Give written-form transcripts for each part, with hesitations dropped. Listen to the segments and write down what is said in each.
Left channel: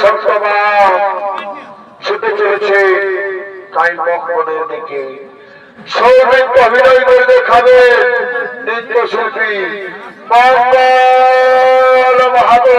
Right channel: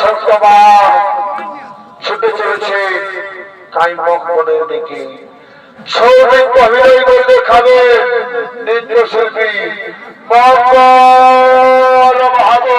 সত্যমা ছুটে চলেছে কাইমক বনের দিকে। সৌমিত্র অভিনয় করে দেখাবে নৃত্য শিল্পী মঙ্গল মাহাতো।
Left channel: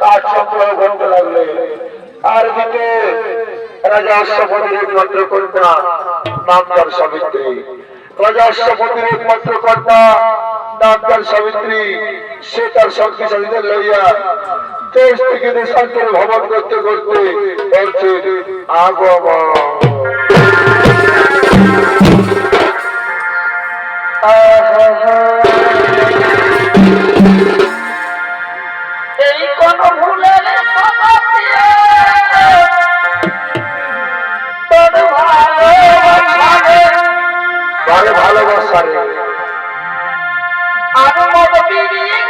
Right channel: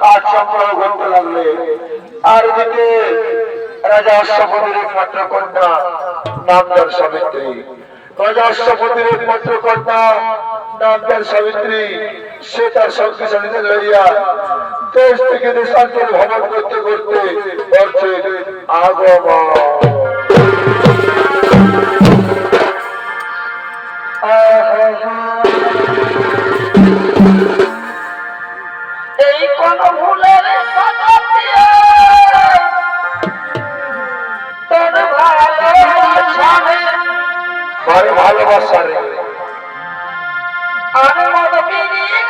কাঠ সংগ্রহ করতে লাগলে। আর এদিকে রাজা অশ্বপতির একমাত্র কন্যা নাম তার সাবিত্রী। রাজা অশ্বপতির একমাত্র কন্যা নাম তার সাবিত্রী। সে তার শক্তিশালীদের লইয়া দেশ থেকে দেশান্তরে ভ্রমণ করতে করতে বলছে আগমন। এই কোন ভুলের তোর ভালোবাসা নেই আমি মত বিড়িয়ে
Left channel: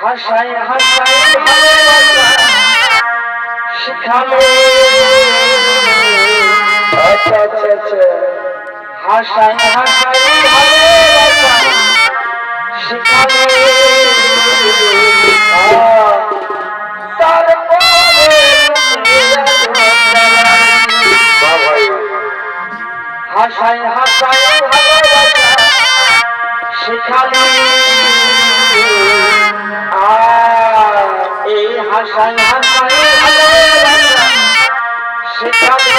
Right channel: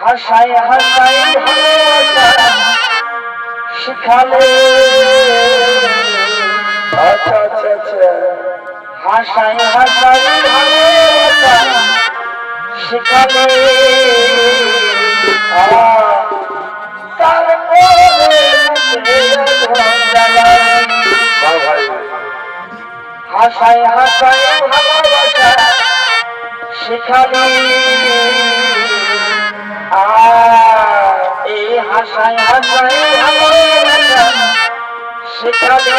হাসায় হাসায় ভালোবাসা শিখালে আচ্ছা আচ্ছা আচ্ছা হাসায় হাসায় ভালোবাসা শিখালে হাসায় হাসায় ভালোবাসা শিখালে এই হাসায় হাসায় ভালোবাসা শিখালে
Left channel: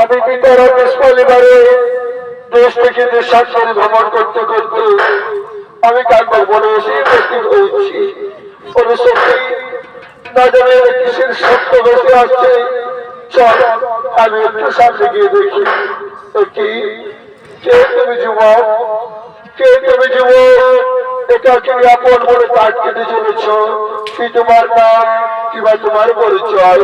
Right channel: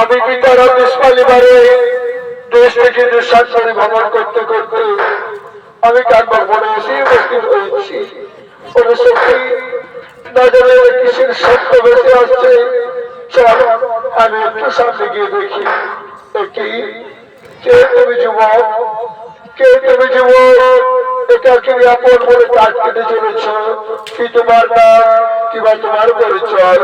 আমি পিতার দেশ পালিবারে দেশ থেকে দেশান্তরে ভ্রমণ করতে করতে আমি কানবার বনে এসে উপস্থিত হয়েছি। ওরে সত্যি না জানি কিসের শব্দ ভেসে আসছে, চল আমি একটু সামনে গিয়ে দেখি। কি কে তুমি যুবক, কে তুমি যুবক, একাকে আপন বলে কাজ কেটে চলেছ, কি তোমার নাম কিংবা তোমার পরিচয়?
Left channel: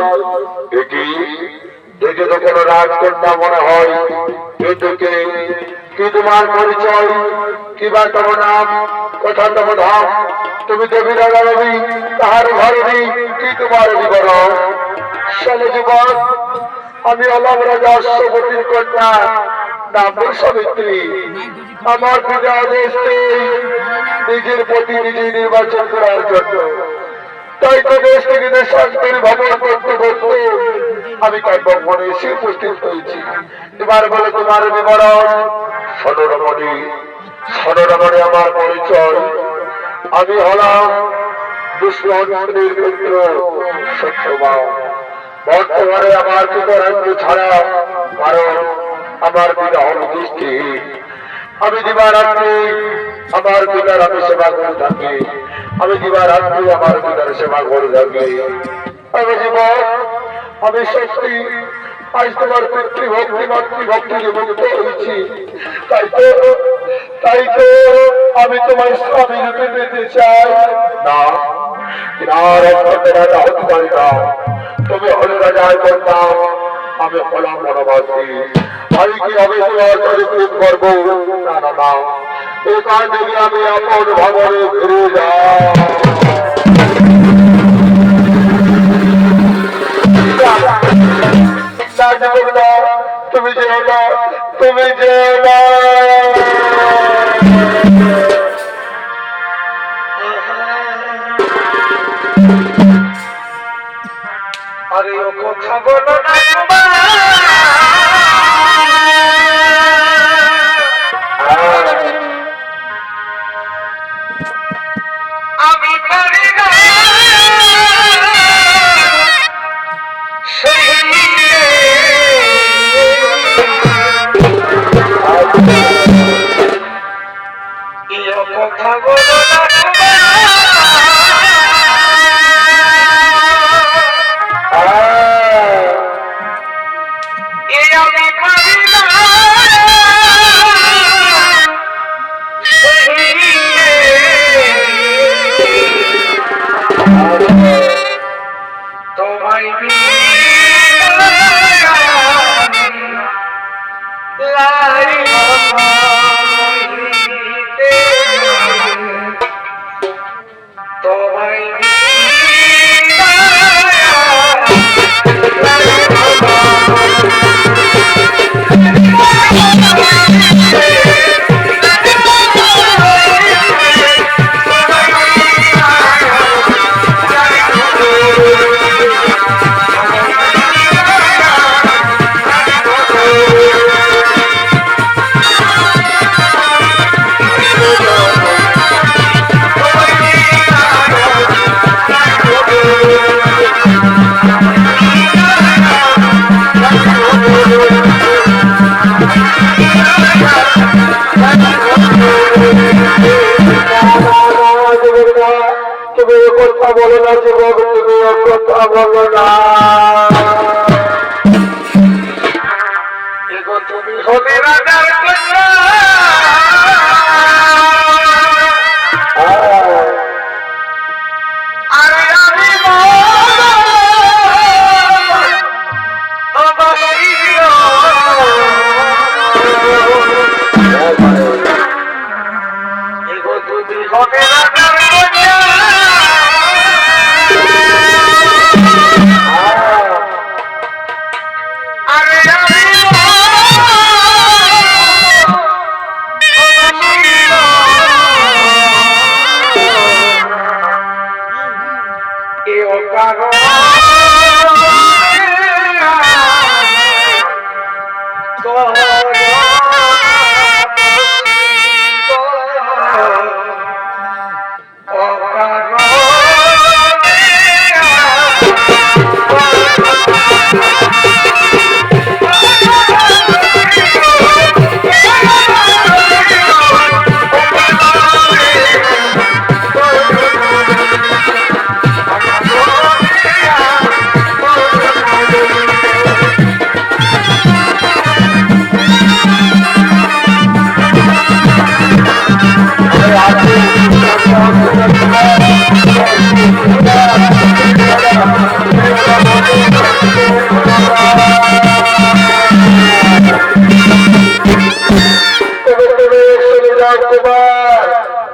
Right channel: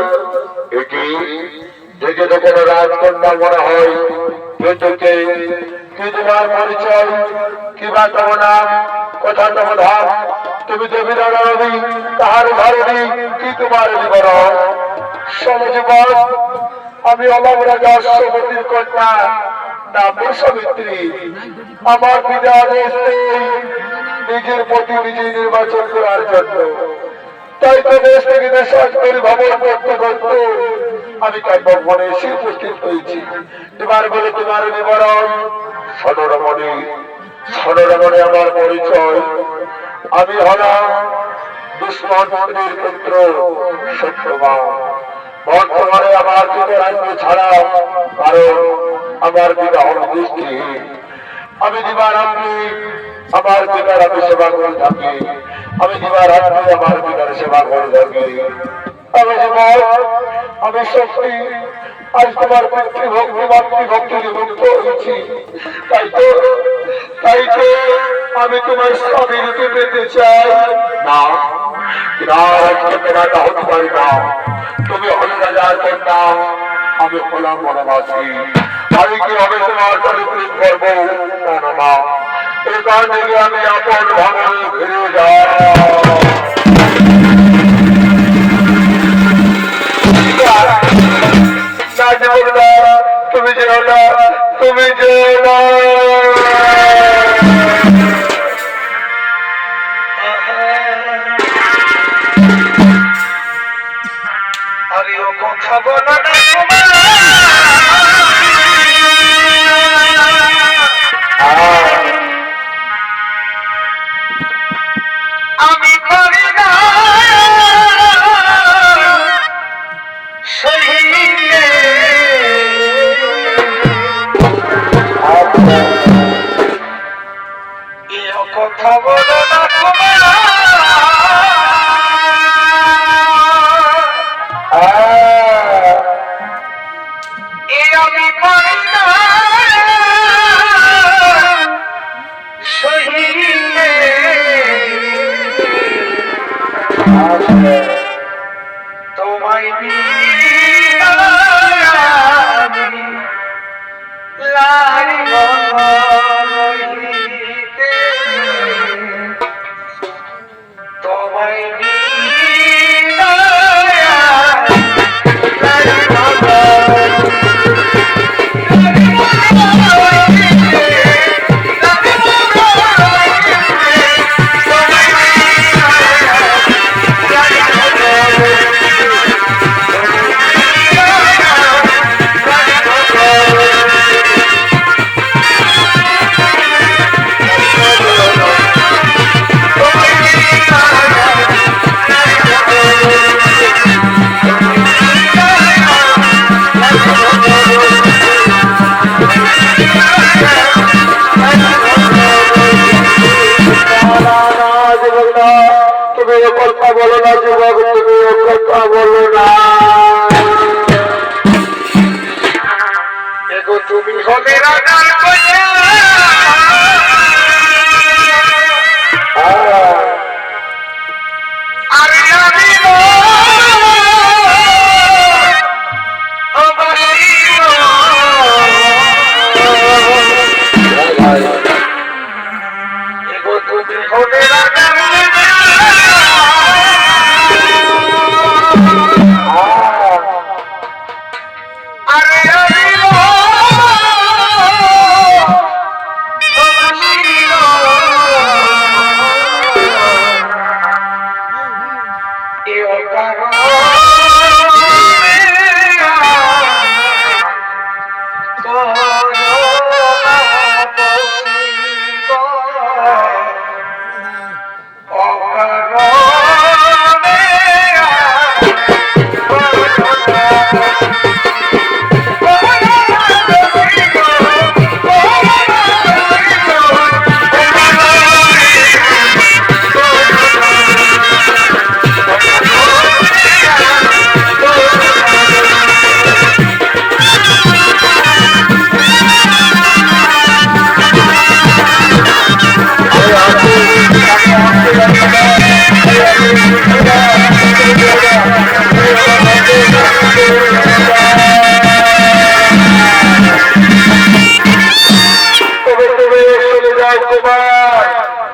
দেখে তো কোনো রাজকন্যা মনে হয়, কি তোমার পরিচয় কিংবা তোমার নাম, কোথা তোমার ধাম, তুমি দেবী না রবি তাহার ঘরে কি তোমার বিবরণ? চলে যুবক, আমি অলম রাজা অশ্বপতির কন্যা, নাম সাবিত্রী। আমার পিতা আদেশ নিজের প্রতি নিজে নির্বাচন করার জন্য, তাই তো দেশ থেকে দেশান্তরে ভ্রমণ করতে করতে আমি কাব্য মনে এসে উপস্থিত হয়েছি। এবার বলে তোমার বিবরণ। সদরমণি, সদরমণি আমার পরিচয়। আমি হলাম দুষ্মন্ত্রীর পুত্র সত্যবান। বর্তমানে আমার পিতা রাজ্য ছাড়া, কারণ আমার পিতা হল দৃষ্টিহীন। আমি দিবারাত্রি আমার পিতার আমি সেবা করে থাকি, আমি দিবারাত্রি আমার পিতার সেবা করে থাকি। আমি জীবন, আমি সত্যি আজ তোমার পিতৃভক্তি মাতৃভক্তি মুক্ত হয়েছি, তাই তো আমি তোমার স্বামী রূপে পেতে চাই। না, রাজকন্যা হতে পারি না। তুমি হলে রাজার কন্যা, আমি হলাম বনবাসী। আমি কি হবে তোমার সাথে প্রেম করবো? না না না, এ কারণে আমি আপন ভবনে ফিরে যাই। তুমি যেও না, তুমি যেও না। আরে ও কথা বলো না আমি করি না কথা বলো না আমি করি না তোমায় তুমি হলে রাজার কন্যা আরে আমি তুমি হলে রাজার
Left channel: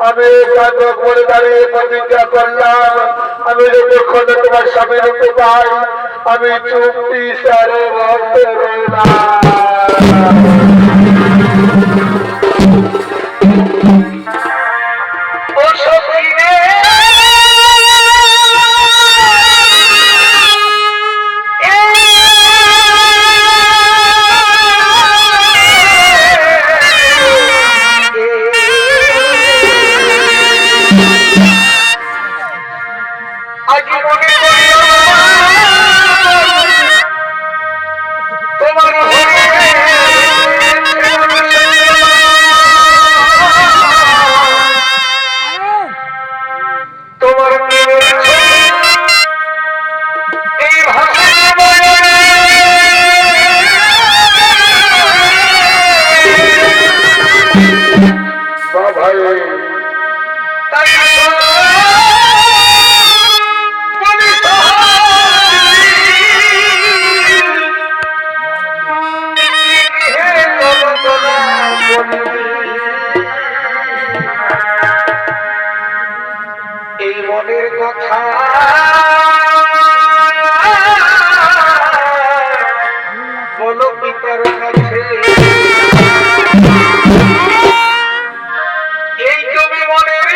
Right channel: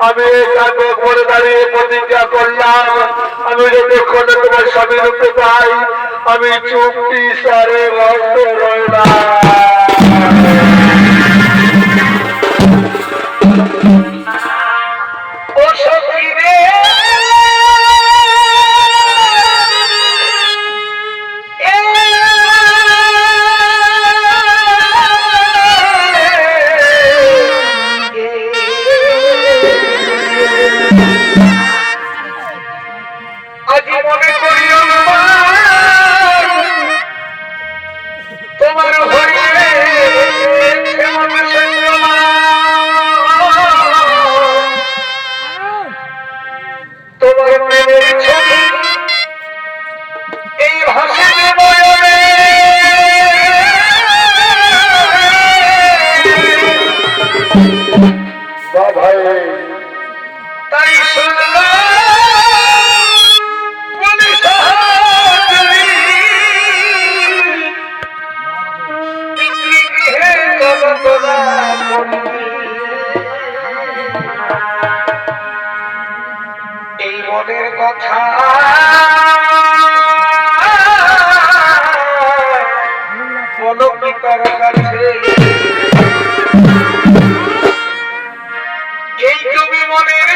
আমি পরে দাঁড়িয়ে প্রতিজ্ঞা করলাম আমি যতক্ষণ তোমার স্বামী রূপে পাই আমি চুক্তি সারে বসে এই মনের কথা বলো পিতার কাছে এই তুমি মনের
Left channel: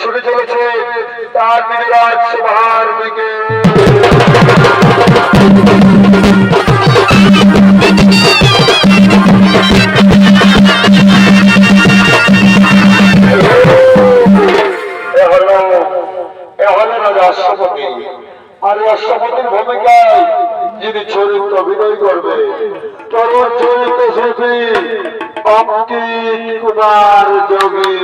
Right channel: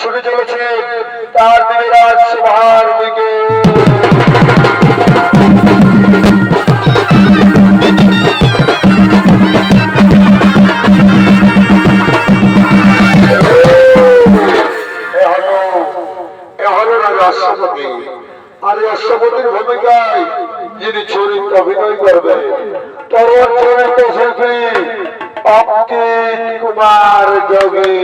ছুটে চলেছে তার দিকে রাজসভার দিকে। আর অশ্বপতির ভূমিকায় যিনি চরিত্র অভিনয় করবে তরুণ চরিত্র শিল্পী অঙ্কিত কুমার যোগী।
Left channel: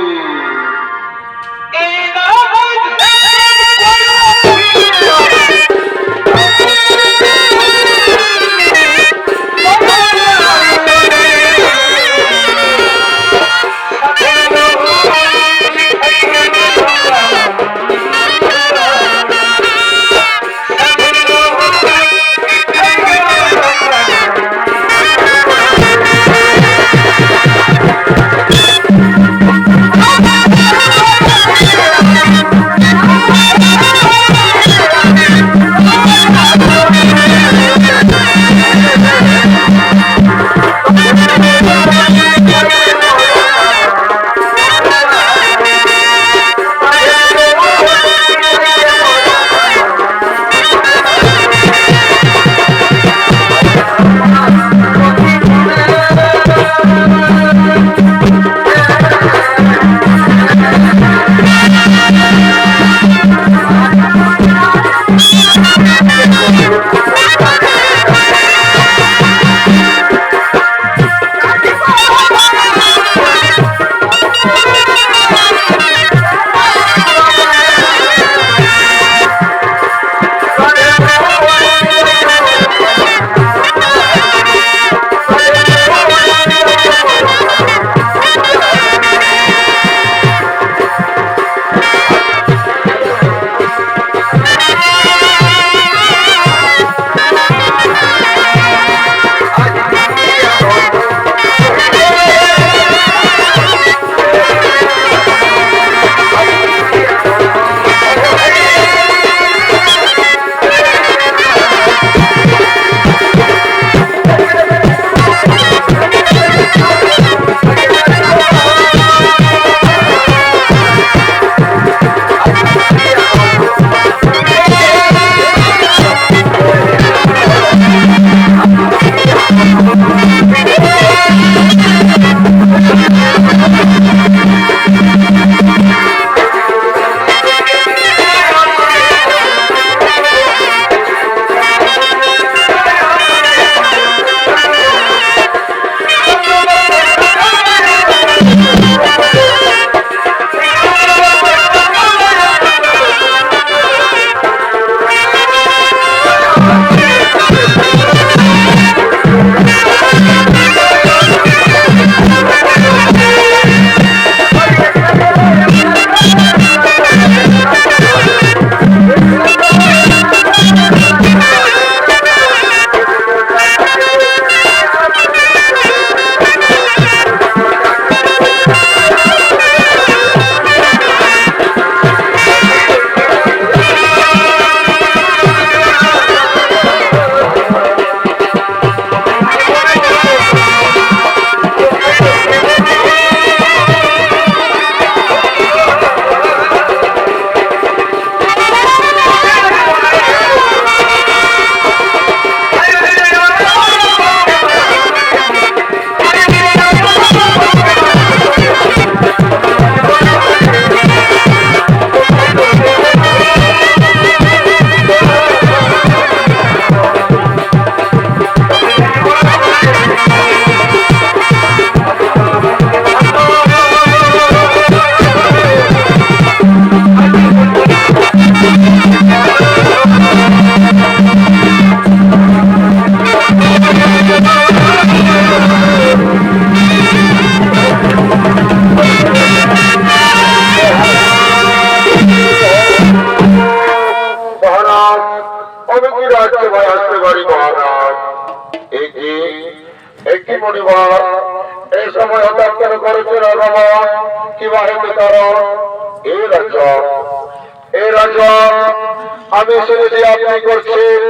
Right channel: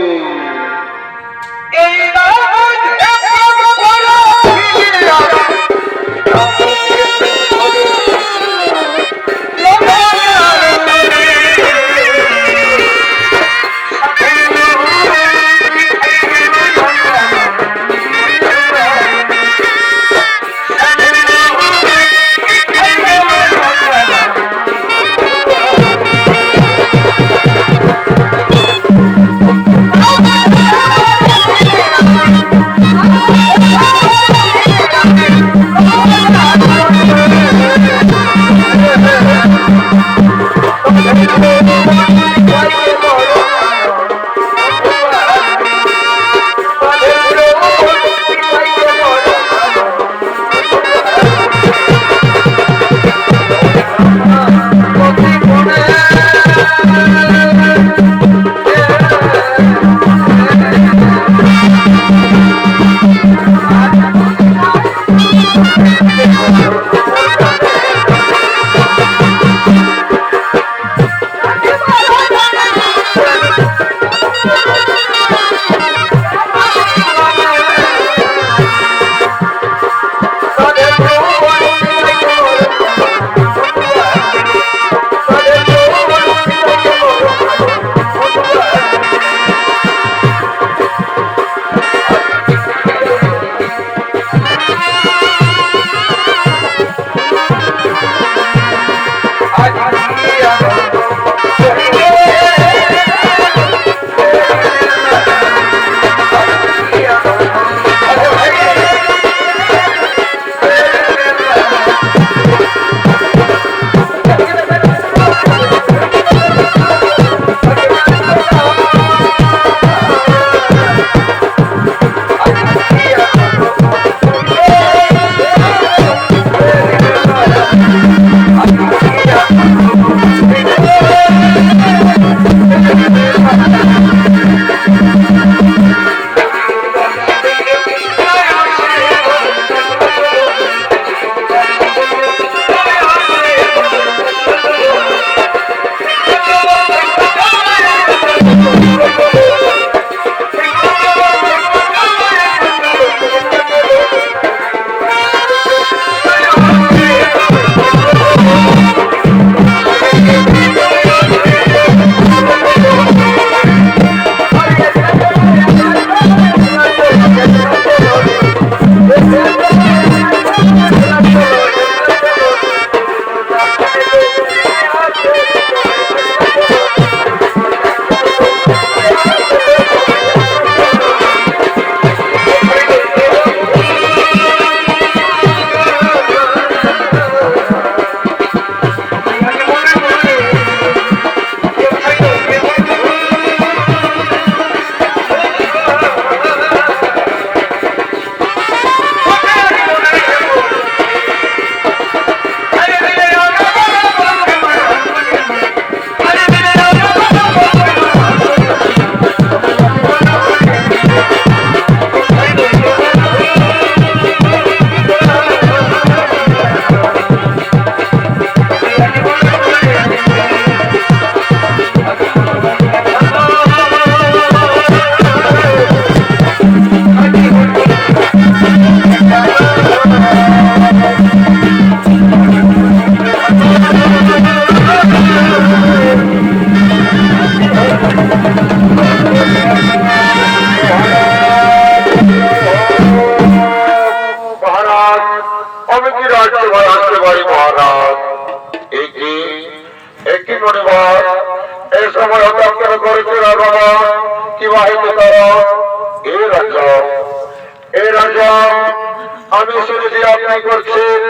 আমি শুনেছি আপনি করছেন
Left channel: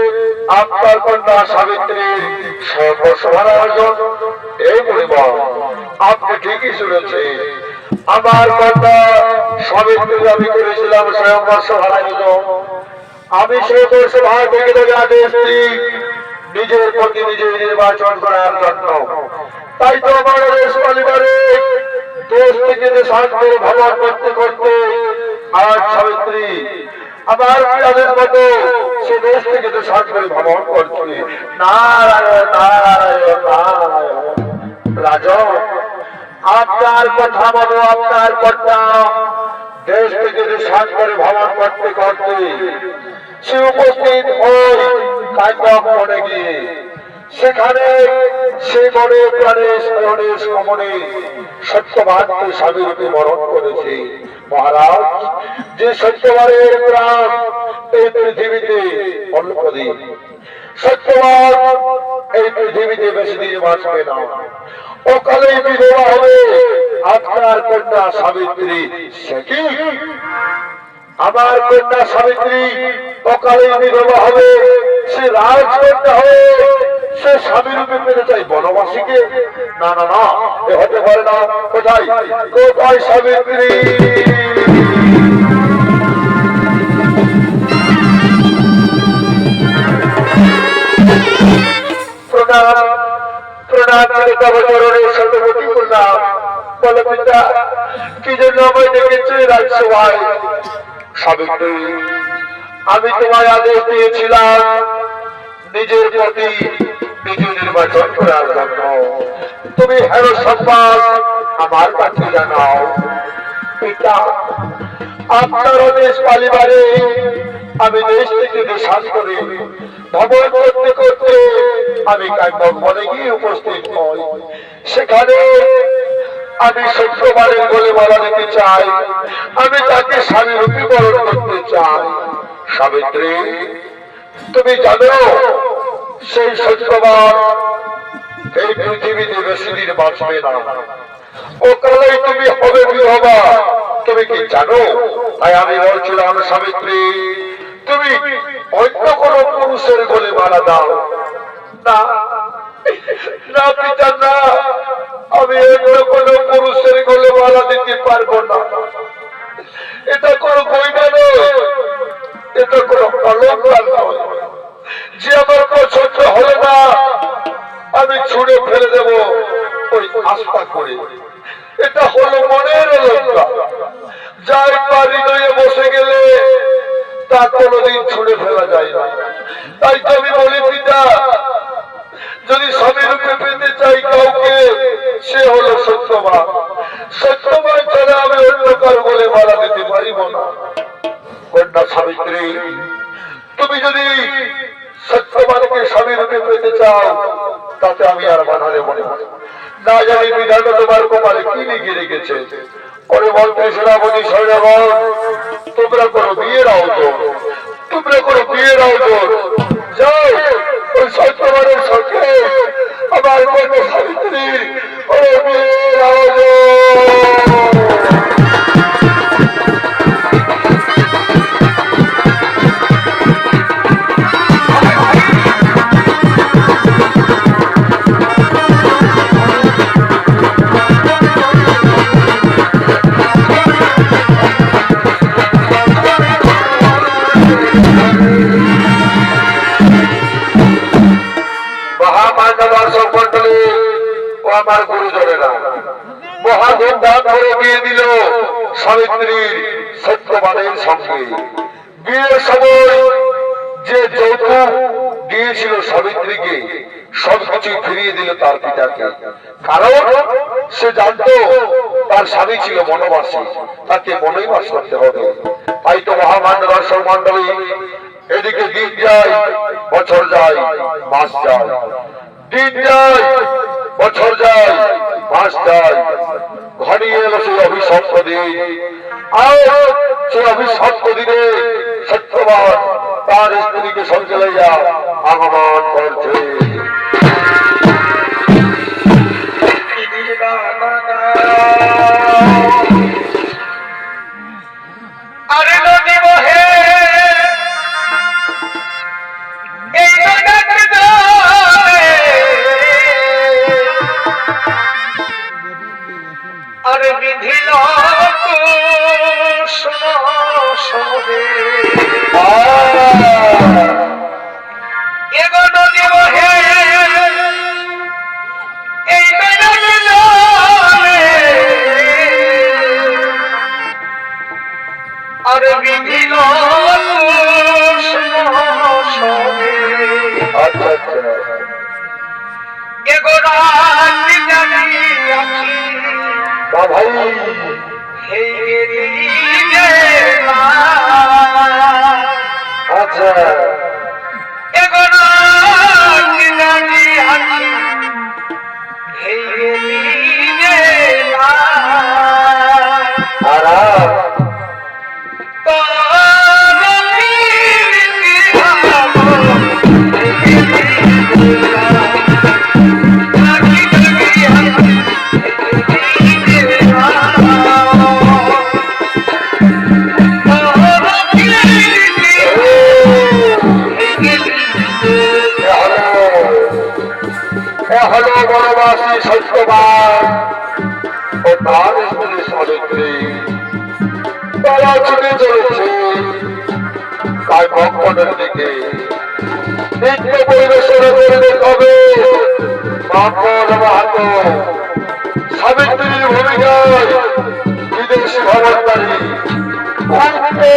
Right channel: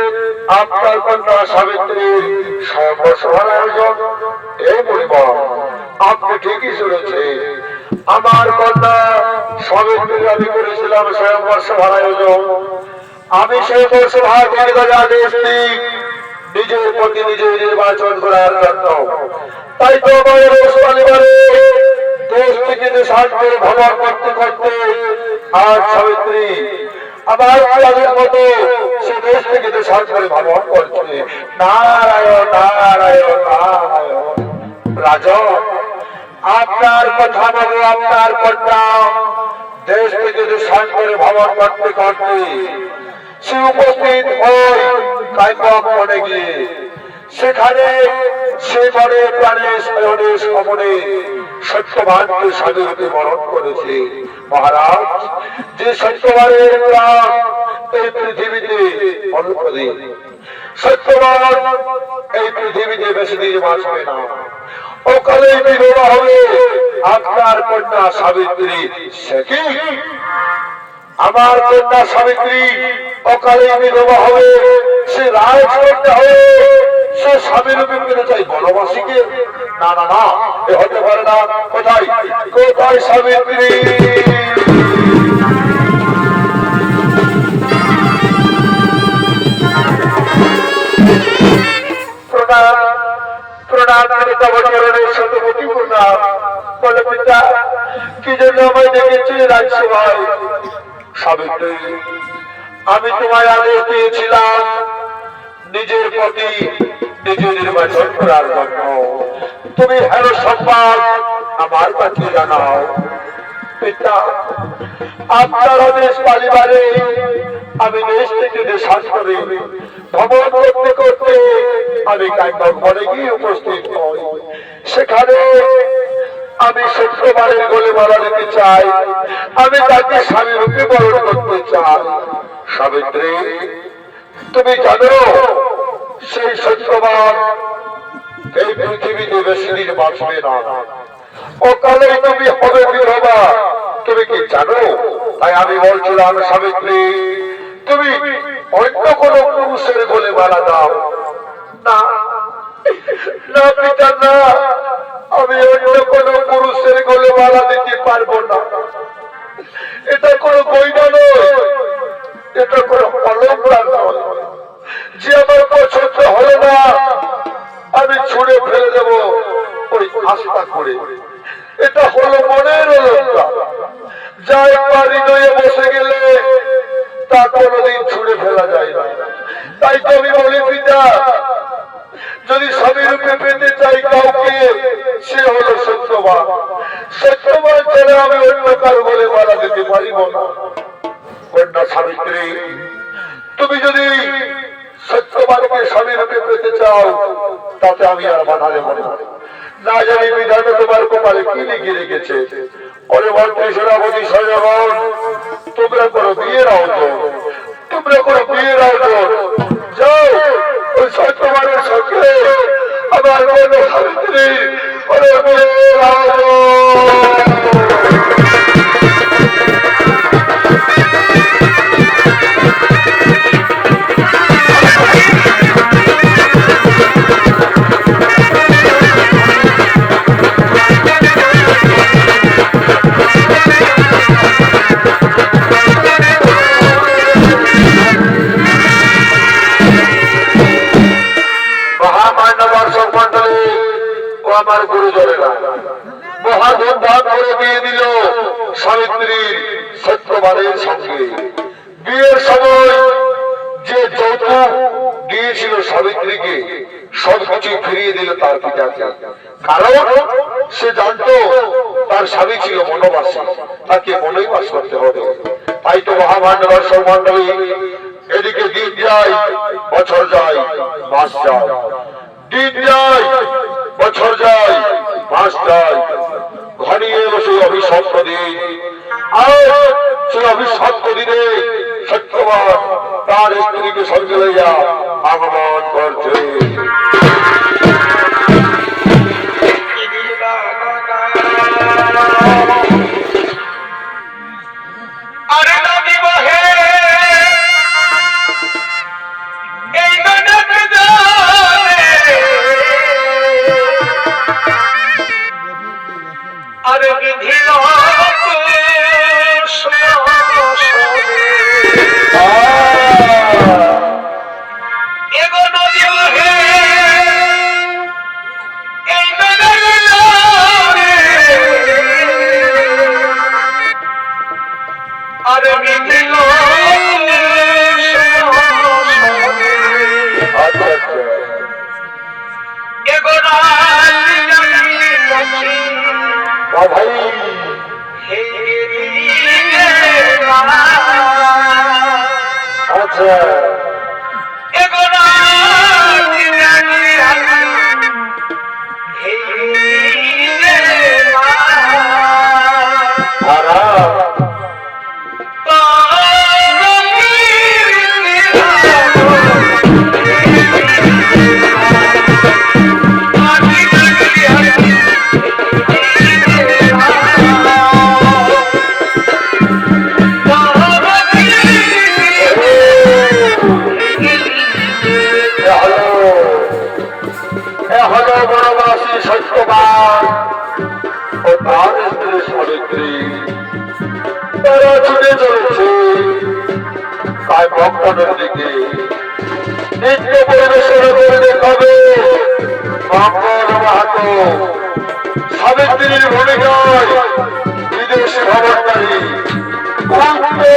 আপনার কন্যা সাবিত্রীর সর্বসভার আয়োজন। এই পরিবার আপনি ঠিকই শুনেছেন, আমার কন্যা সাবিত্রীর আমি করেছিলাম স্বয়ংবর সভার আয়োজন। আমি সেই সভা থেকে আদেশ দিই নিজের প্রতিনিধি নির্বাচন করার জন্য। তাই তো আমার পরিবারে দেশ থেকে শান্তির ভ্রমণ করতে করতে আজ সাবিত্রী আমার তাদের মতো সে দেশ থেকে দেশান্তরে ভ্রমণ করছে। নারায়ণ নারায়ণ নারায়ণ। রাজন, আপনার কথা বলো, আপনার কথা। দেশ থেকে দেশান্তরে ভ্রমণ করতে করতে সে উপস্থিত হই কায়কক মনে গিয়ে। সেখানে সে মনে প্রাণে শয়নে সমনে সত্যবানকে স্বামীরূপে মরণ করেছে। মহারাজ, যে সত্যবানের প্রাণ এই পৃথিবীতে অল্পদিন, সত্যবান এই পৃথিবীতে বেশি দিন বাঁচবে না। ওকালেই বিবাহ হবে আপনার কন্যা সাবিত্রী। সে কি? আমার কন্যা সাবিত্রী অকালে বিবাহ হবে, সে রাজকন্যা হবে, সে স্বামী রূপে পেতে চাই বনবাসীকে? না না না, এ হতে পারে না। কোথায় কোথায় সাবিত্রী? প্রণাম প্রণাম চরণের শতমতি প্রণাম। বলে পিতা, কি জন্য আমায় ডেকেছে রাজসভায়? সাবিত্রী, আমি তোমায় আদেশ দিয়েছিলাম নিজের প্রতি নিজে নির্বাচন করার জন্য। তুমি হেন সম্মান আমার কাছে জানাও। পিতা, আপনার আদেশ পালিবারে আমি দেশ থেকে দেশান্তরে ভ্রমণ করতে করতে আমি কায়কক বনে গিয়ে উপস্থিত হই। সেখানে আমি সত্যবানের গলে মালা দিতে চাই, আমি তাকে স্বামী রূপে বরণ করতে চাই। সাবিত্রী, তুমি জানো সেই সত্যবান এই পৃথিবীতে বেশি দিন বাঁচবে না। অকালেই তুমি হবে বিধবা, তুমি কি জানো? তাই আমি বলছিলাম সাবিত্রী, তুমি অন্য কোন পুরুষের গলে মালা দাও। না না পিতা, না, আমি অন্য কোন পুরুষের গলে মালা দিতে পারবো না। এটা কোনো গয়না নয়, এটা কোনো অলংকার নয় যে আমার পছন্দ হলো না আমি ছুঁড়ে ফেলে দেব ওই আস্থা করে। এটা হলো মনের অলংকার, যা একবার হৃদয়ে বসে গেলে তা কোনোদিন ছুঁড়ে ফেলা যায় না। তাই তো আমি বলি পিতা, যদি স্বামী রূপে পেতে চাই কাউকে, সে হলো সত্যবান। সত্যবান ছাড়া আমি অন্য কার বলে মারা দিতে পারিব না। কন্যা সাবিত্রী, তুমি যদি সত্যবানকে স্বামী রূপে পেতে চাও, তাতে আমি আর বাধা দেব না। না জানি বিধান তোমার কপালে কি লিখে রেখেছে। ওরে মন্ত্রী সেনাপতি সৈন্যগণ, তোমরা করো বিয়ের আয়োজন, তোমরা করো বিয়ের আয়োজন। যাও ওই সত্যবানের সঙ্গে আমার কন্যা সাবিত্রী ওরে বিয়ের আয়োজন। আমার গুরুজনেরা মহা ধুমধাম করে বিয়ে দিল সাবিত্রীর সত্যবানের সঙ্গে। বিয়ের সময় যে যৌতুক দিয়েছিল সাবিত্রীকে, সবকিছু ফিরিয়ে দিল তার পিতাকে। কারণ সে জানতো তার স্বামী ছিল বনবাসী, তাকে বনেই বাস করতে হবে। তাই তো মহামান্য দর্শক মন্ডলী, এদিকে দিন যায়, বছর যায়, মাস যায়, দিন যায়, বছর যায়, মাস যায়, ঘনিয়ে এলো সেই অভিশপ্ত দিন। আর সেই অভিশপ্ত দিনে সত্যবান তার স্ত্রীকে সঙ্গে লইয়া আগমন করছে। আরে নদী বহে আরে বিধিল নদী বহে এই আরে বিধিল ভাই আচ্ছা বনবাসী সত্যবান ও তার স্ত্রী সাবিত্রী তারা ছুটে চলেছে কায়মনের দিকে নৃত্য পরিবেশন করে দেখাবে মঙ্গল মাহাতো সাবিত্রীর ভূমিকায় বিদেশি ভবনকারী মাহাতো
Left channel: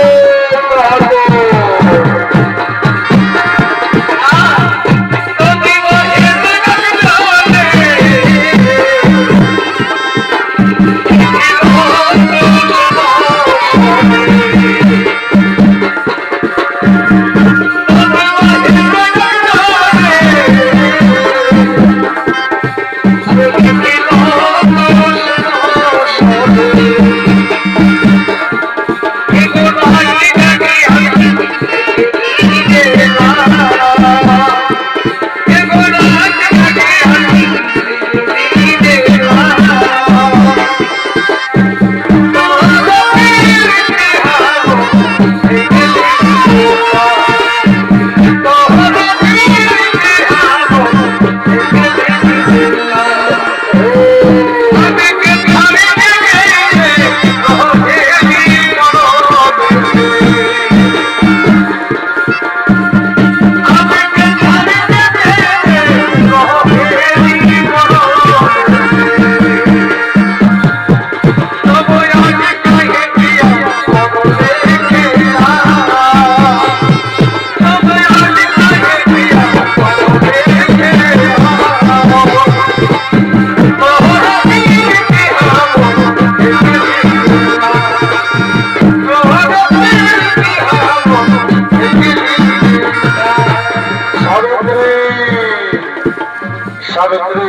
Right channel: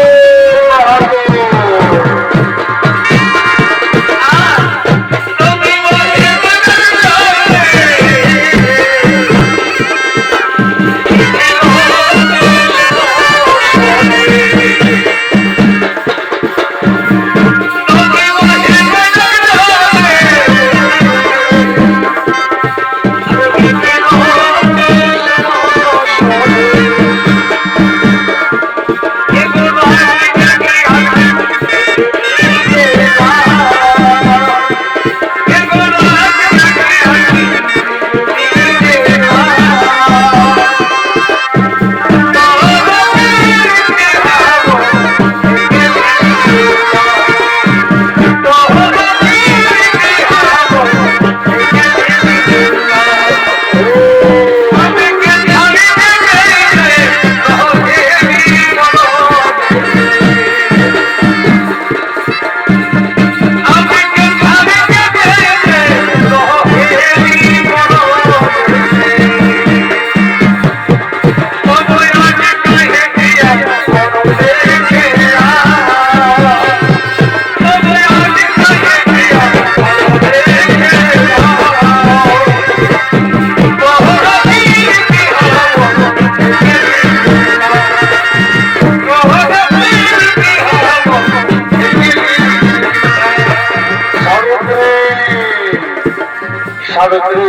সাবিত্রী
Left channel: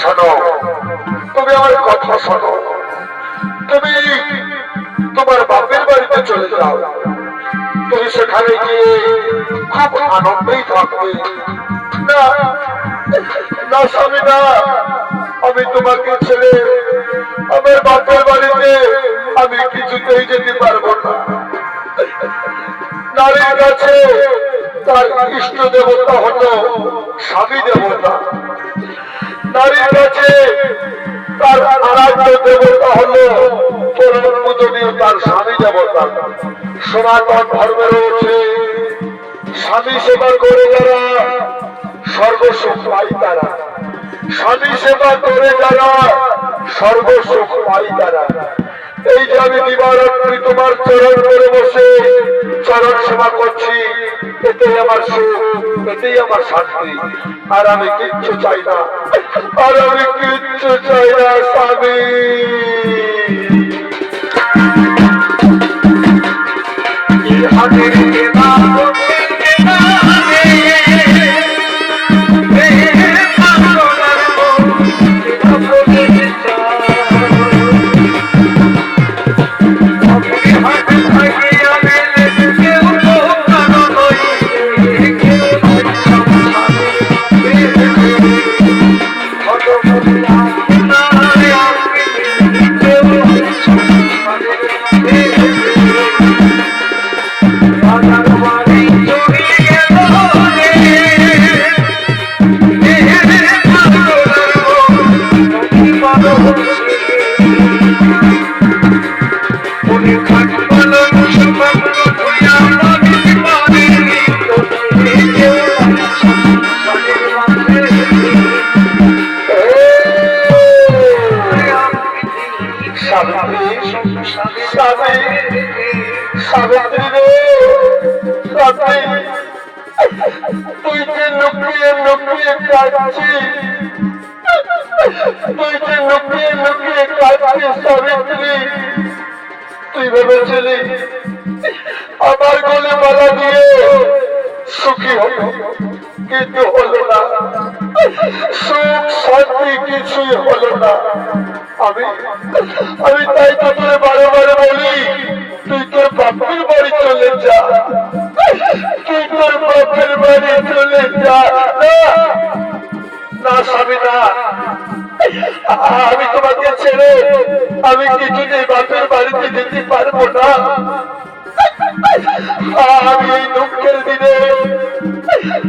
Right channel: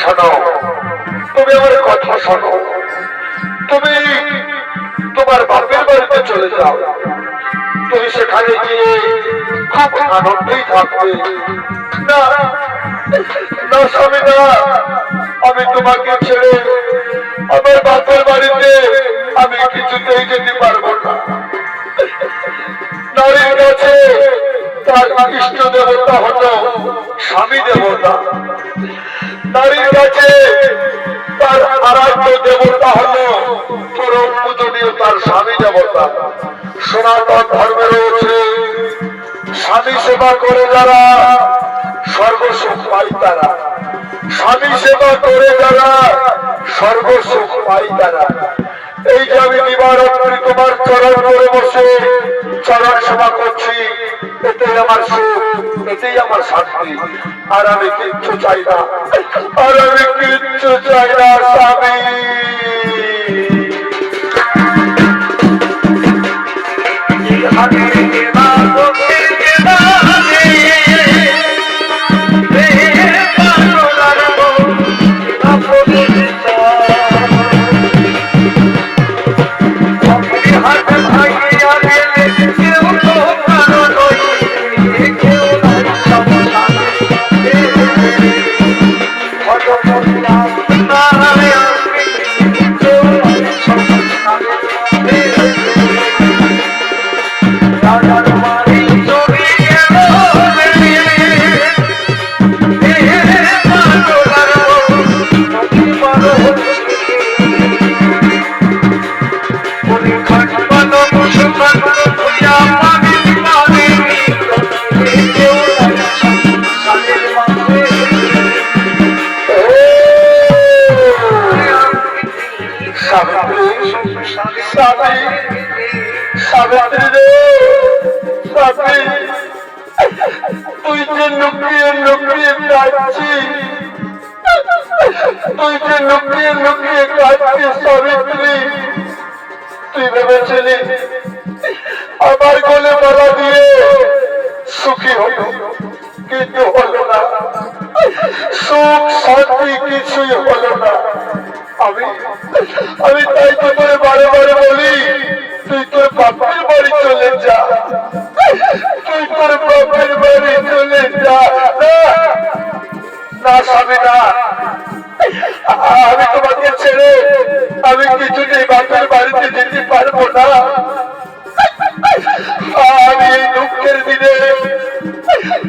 শোনো তুমি আমার কথা শোনো তুমি তোমার বাপের বাড়িতে চলে যাও তুমি সেখানে গিয়ে খুব আনন্দেই থাকবে না না স্বামী না আমি তোমাকে ছেড়ে আমার বাপের বাড়িতে আমি কিছুতেই যেতে পারবো না নারীর কাছে তার ইষ্ট দেবতা হলো স্বামী দেবতা নারীর কাছে তার আরাধ্য দেবতা হলো পরম পূজনীয় তার স্বামী দেবতা সনাতন ধর্মে রয়েছে স্বামী সেবা করে যারা সর্বসুখ পাই তারা স্বামী সেবা করে যারা সর্বসুখ পাই তারা এই যে আমি দিবারাত্রি তোমার চরণ করে বসে চরণ সেবা করছি এটাই আমার সুখ এটাই আমার শান্তি আর আমি কিচ্ছু চাই না আর আমি কিচ্ছু চাই না স্বামী সাবিত্রী রে সাথী তুই যে লুকিয়ে লুকিয়ে কাঁদছিস তুই যে লুকিয়ে লুকিয়ে কাঁদছিস সাবিত্রী, তুই ভেবেছিলি আমার গলে মালা দিয়ে সুখী হলো, কিন্তু হলো না। সুখ শান্তি কিছুই হলো না। আমি আমি তাই তো করে বারে বারে বলি, তুই তোর বাপের বাড়ি চলে যা, তুই তোর বাপের বাড়ি চলে যা। না স্বামী না, আমি তোমাকে ছেড়ে আমি কিছুতেই বাপের বাড়িতে যেতে পারবো না। আমি এই দুঃখের দিনে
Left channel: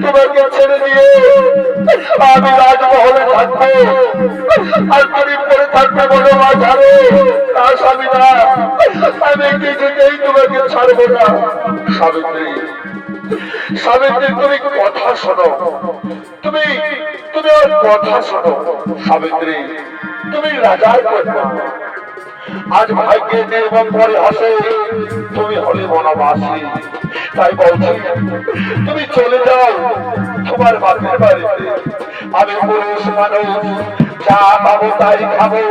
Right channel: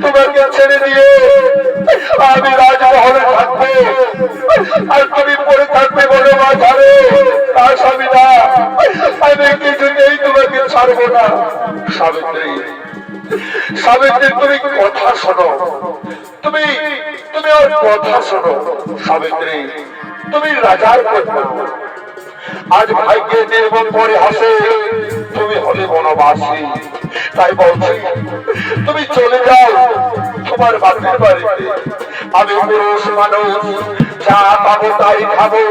তোমাকে ছেড়ে দিয়ে আমি রাজমহলে থাকবো, আর তুমি পড়ে থাকবে বলো মা ঝাড়ে। না স্বামী না, আমি কিছুতেই তোমাকে ছাড়বো না। সাবিত্রী, সাবিত্রী, তুমি কথা শোনো, তুমি তুমি ওর কথা শোনো। সাবিত্রী, তুমি রাজার কন্যা, আজ ভাগ্যে নির্মম পরে হাসে তুমি হলে বনবাসী। তাই বলছি তুমি চলে যাও তোমার বাপের বাড়িতে। আমি পুরুষ মানুষ, যা পাবো তাই খাবো,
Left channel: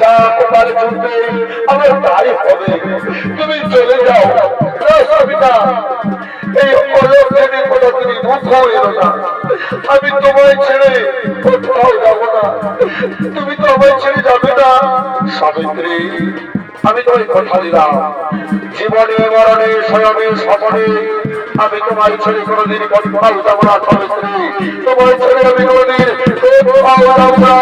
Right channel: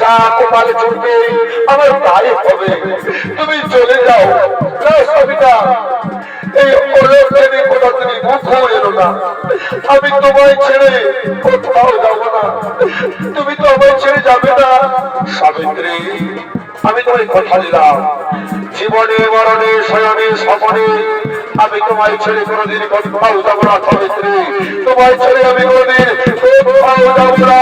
যা কপালে চলবে আমার তাই হবে। তুমি চলে যাও। না সবিতা, এই অলক্ষণে কথা তুমি মুখ এলো না। আমি তোমায় ছেড়ে কোথাও যাবো না, তুমি তো আমায় ছেড়ে যাবে না। সাবিত্রী, আমি তোমায় কথা দিলাম, জীবনে মরণে শয়নে স্বপনে আমি তোমায় ছেড়ে কোনোদিন কোথাও যাবো না। সাবিত্রী, তোমায় ছেড়ে আমি কোনোদিন কোথাও যাবো না।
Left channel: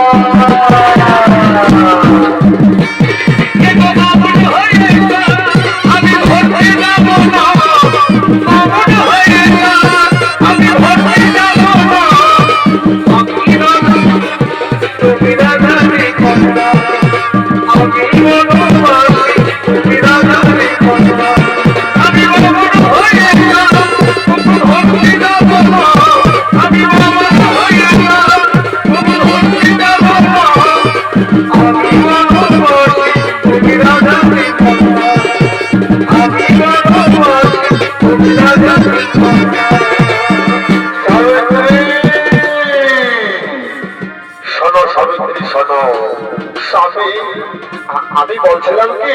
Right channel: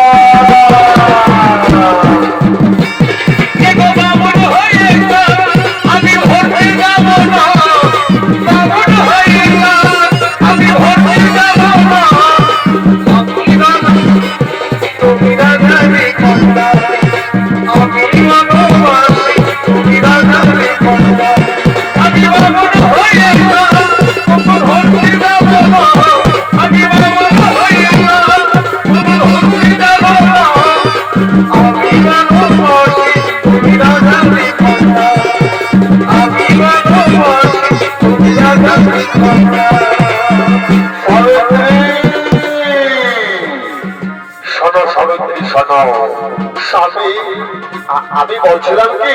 আমি বলছিলাম কি,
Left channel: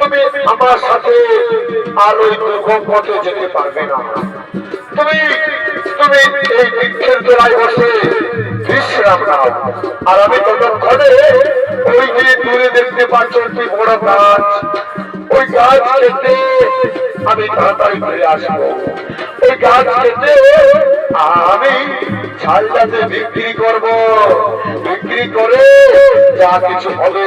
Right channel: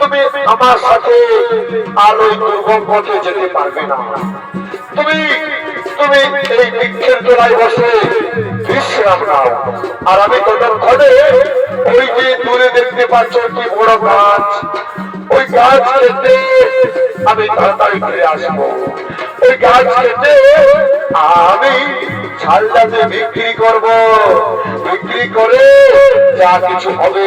তুমি আমার সাথে আর ওই দুর্গম পথে যেতে পারবে না। তুমি তুমি এই বৃক্ষের তলায় বসে বিশ্রাম নাও, আর আমি ততক্ষণে ওই যে দূরে দেখতে পাচ্ছ কি বড় গাছ, ওই গাছ কেটে আমি তাড়াতাড়ি ফিরে আসবো। ওই গাছ কেটে আমি ছালটাতে বিক্রি করব, বিক্রি করে যা কিছু হবে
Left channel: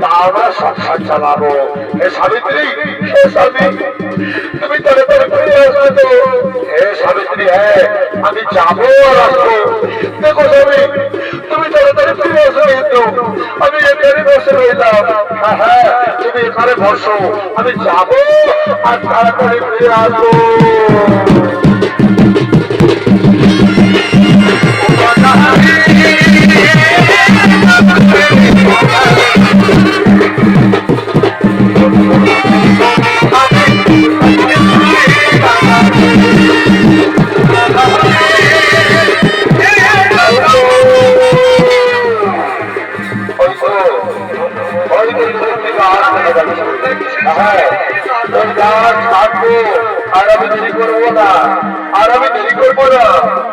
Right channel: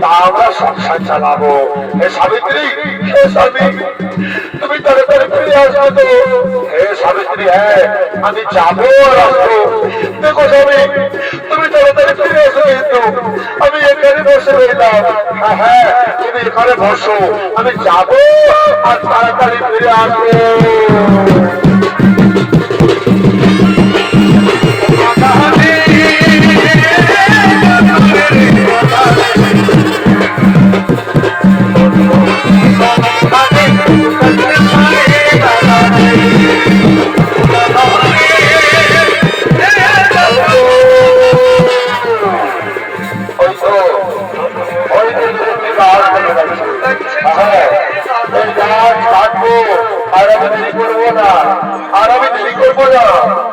তা আমরা সংসার চালাবো। হে সাবিত্রী, হে স্বামী, তুমি তাড়াতাড়ি ফিরে আসবে তো? হে সাবিত্রী, হ্যাঁ আমি যাবো আর আসবো। দেখো স্বামী, তুমি তাড়াতাড়ি ফিরে আসো, কিন্তু আমি এখানে বসে রইলাম। হ্যাঁ হ্যাঁ, তুমি এখানে বসো, আমি যাবো আর তাড়াতাড়ি ফিরে আসবো। আর আমি দেরি করবো না, আর আমি দেরি করবো না।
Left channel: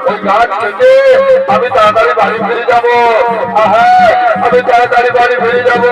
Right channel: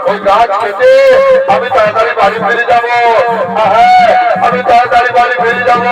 ওই গাছ কেটে আমি তাড়াতাড়ি বাড়ি ফিরে যাবো। হ্যাঁ, আমি তাড়াতাড়ি বাড়ি ফিরে যাবো।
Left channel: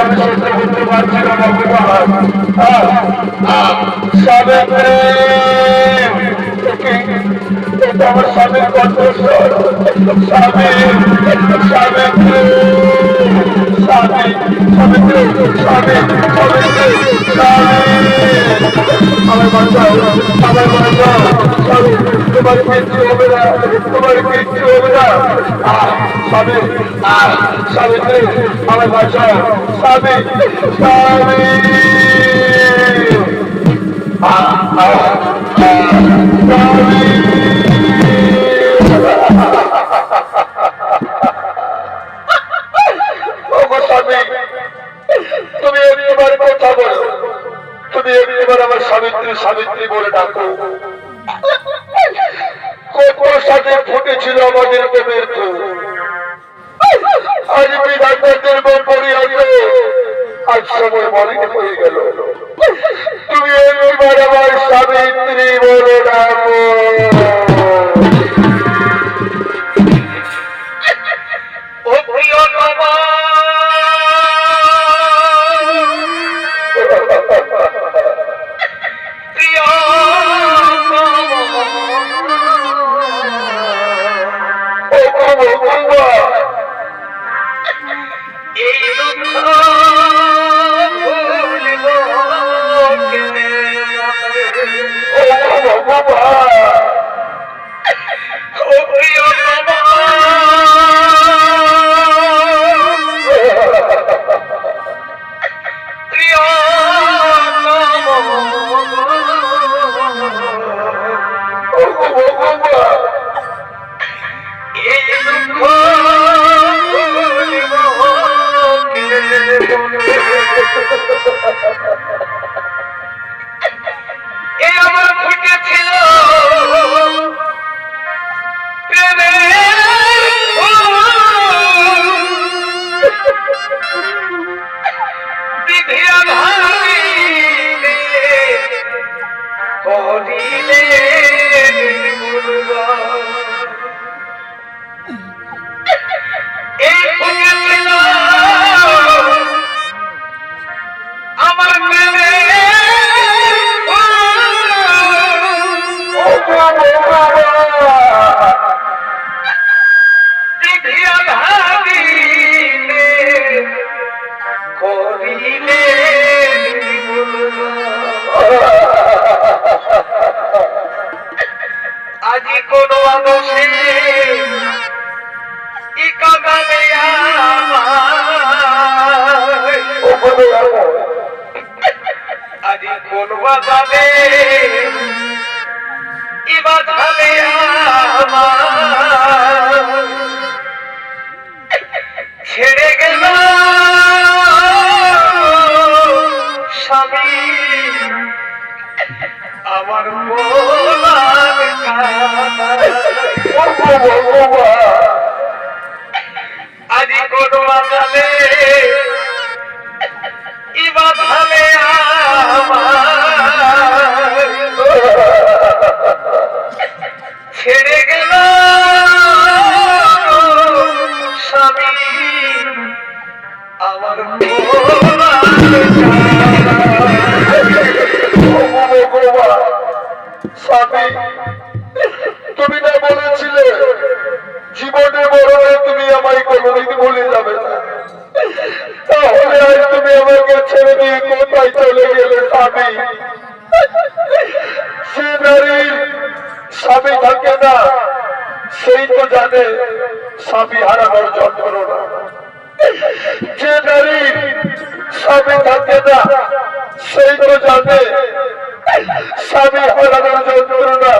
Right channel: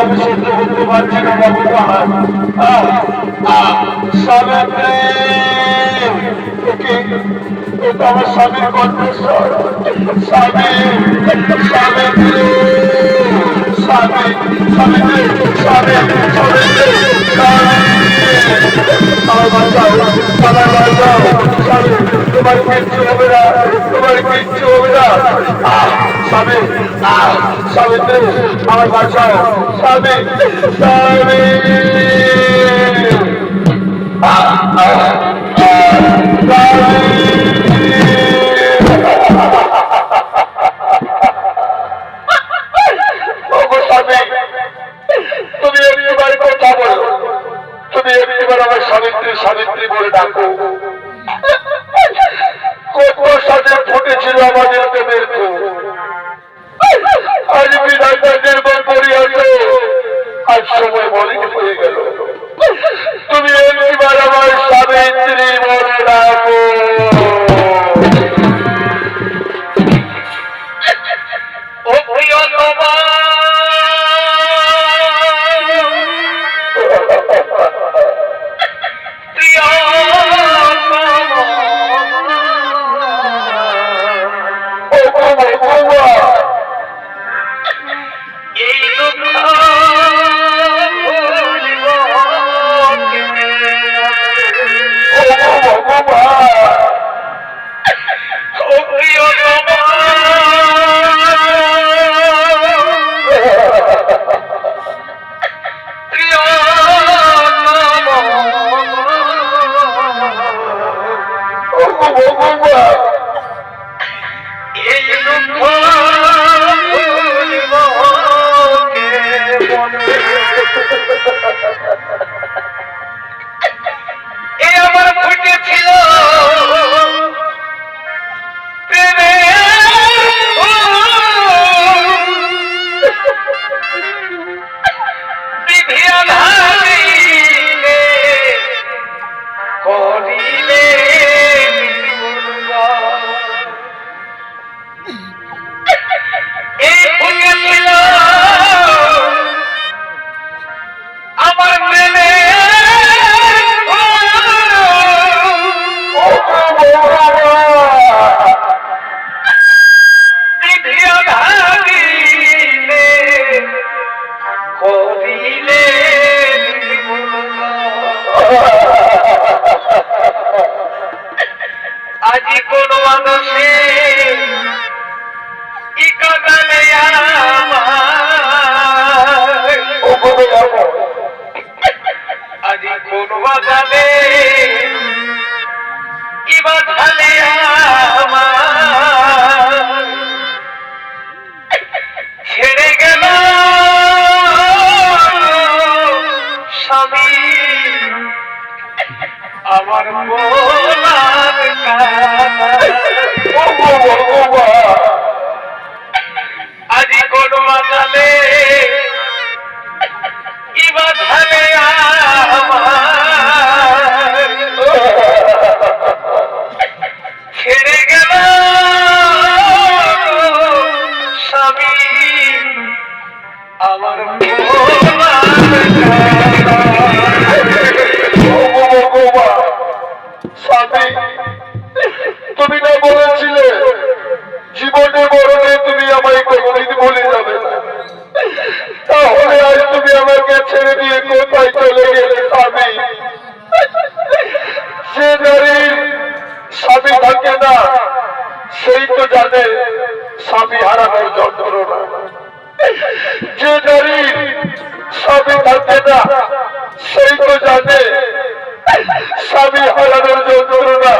আমি সহ্য করতে পারছি না ভগবান। সাবিত্রী, এটা আমার স্বামীর কণ্ঠস্বর। স্বামী, সাবিত্রী, স্বামী স্বামী স্বামী স্বামী স্বামী আমার বাঁচাও আমার বাঁচাও স্বামী তোমার কিচ্ছু হবে না তোমার কিচ্ছু হবে না স্বামী সাবিত্রী আমার বাঁচাও স্বামী স্বামী তুমি একবার কথা বলো তুমি একবার আমার সাবিত্রী সাবিত্রী বলে ডাকো কত সাথে ফুটেছিল আমাদের প্রেমের ফুল আজ বিধাতাদের পরিহত আজ সময় মলিন হয়ে গেল তুমি একবার আমার সাবিত্রী বলে ডাকো আমার ফুটেছিল আজি কোন মানুষে আজি কোন বাজারে ইবাধালে ছেড়ে গেল স্বামী আমার আজি কোন বাজালে ইবাধালে ছেড়ে গেল স্বামী আমার স্বামী তুমি না বলেছিলে জীবনে মরণে তুমি আমায় কোনদিন ভুলে যাবে না তাহলে আজ তুমি আমাকে ছেড়ে দিয়ে কোথায় চলে গেলে স্বামী সে নারীর স্বামী থাকে না সেই তো জানে স্বামী হারানোর যন্ত্রণা যে নারীর স্বামী থাকে না সেই তো জানে স্বামী হারানোর যন্ত্রণা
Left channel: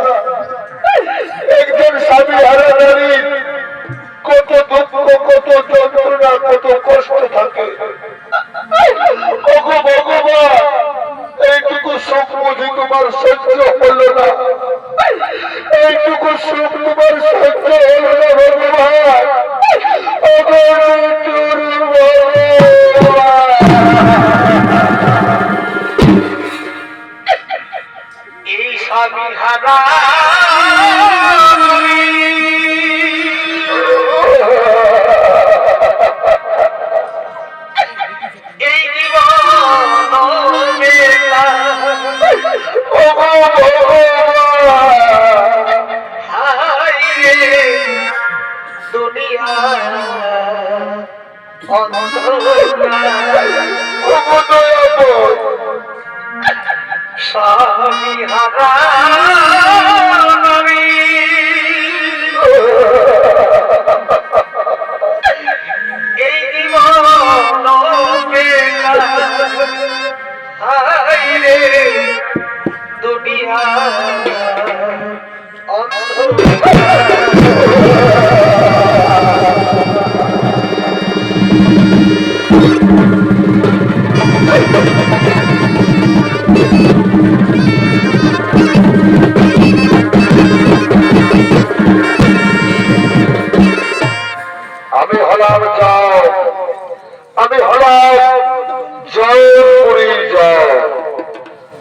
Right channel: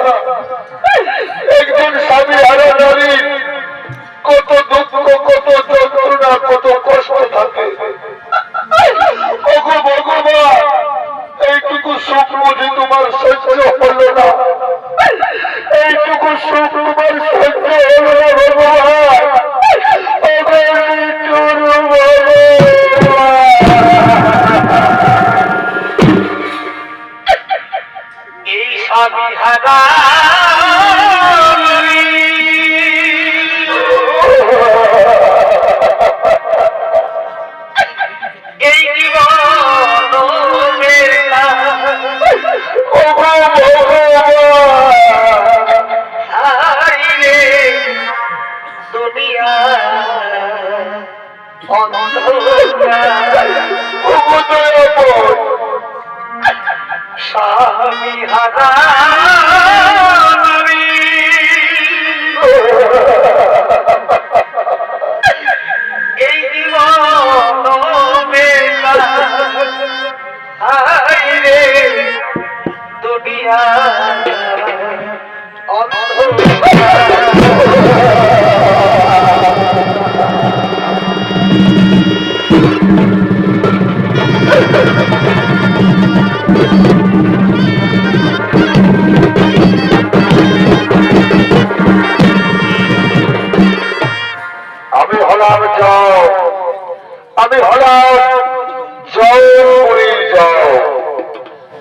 একজন স্বামী হারা নারীর কত দুঃখ কত যন্ত্রণা কত কষ্ট থাকে ভগবান এইটুকু সুখ বুঝি তোমার সহ্য হলো না এইটুকু সুখ তোমার সহ্য হলো না ভগবান এই স্বামী হারা এই জীবন দুনিয়া অন্ধ আমি হারা নবী এই জীবন বেকার হায়রে দুনিয়া আমি হলাম যাও, আমি হলাম জয়পুরীর যাও,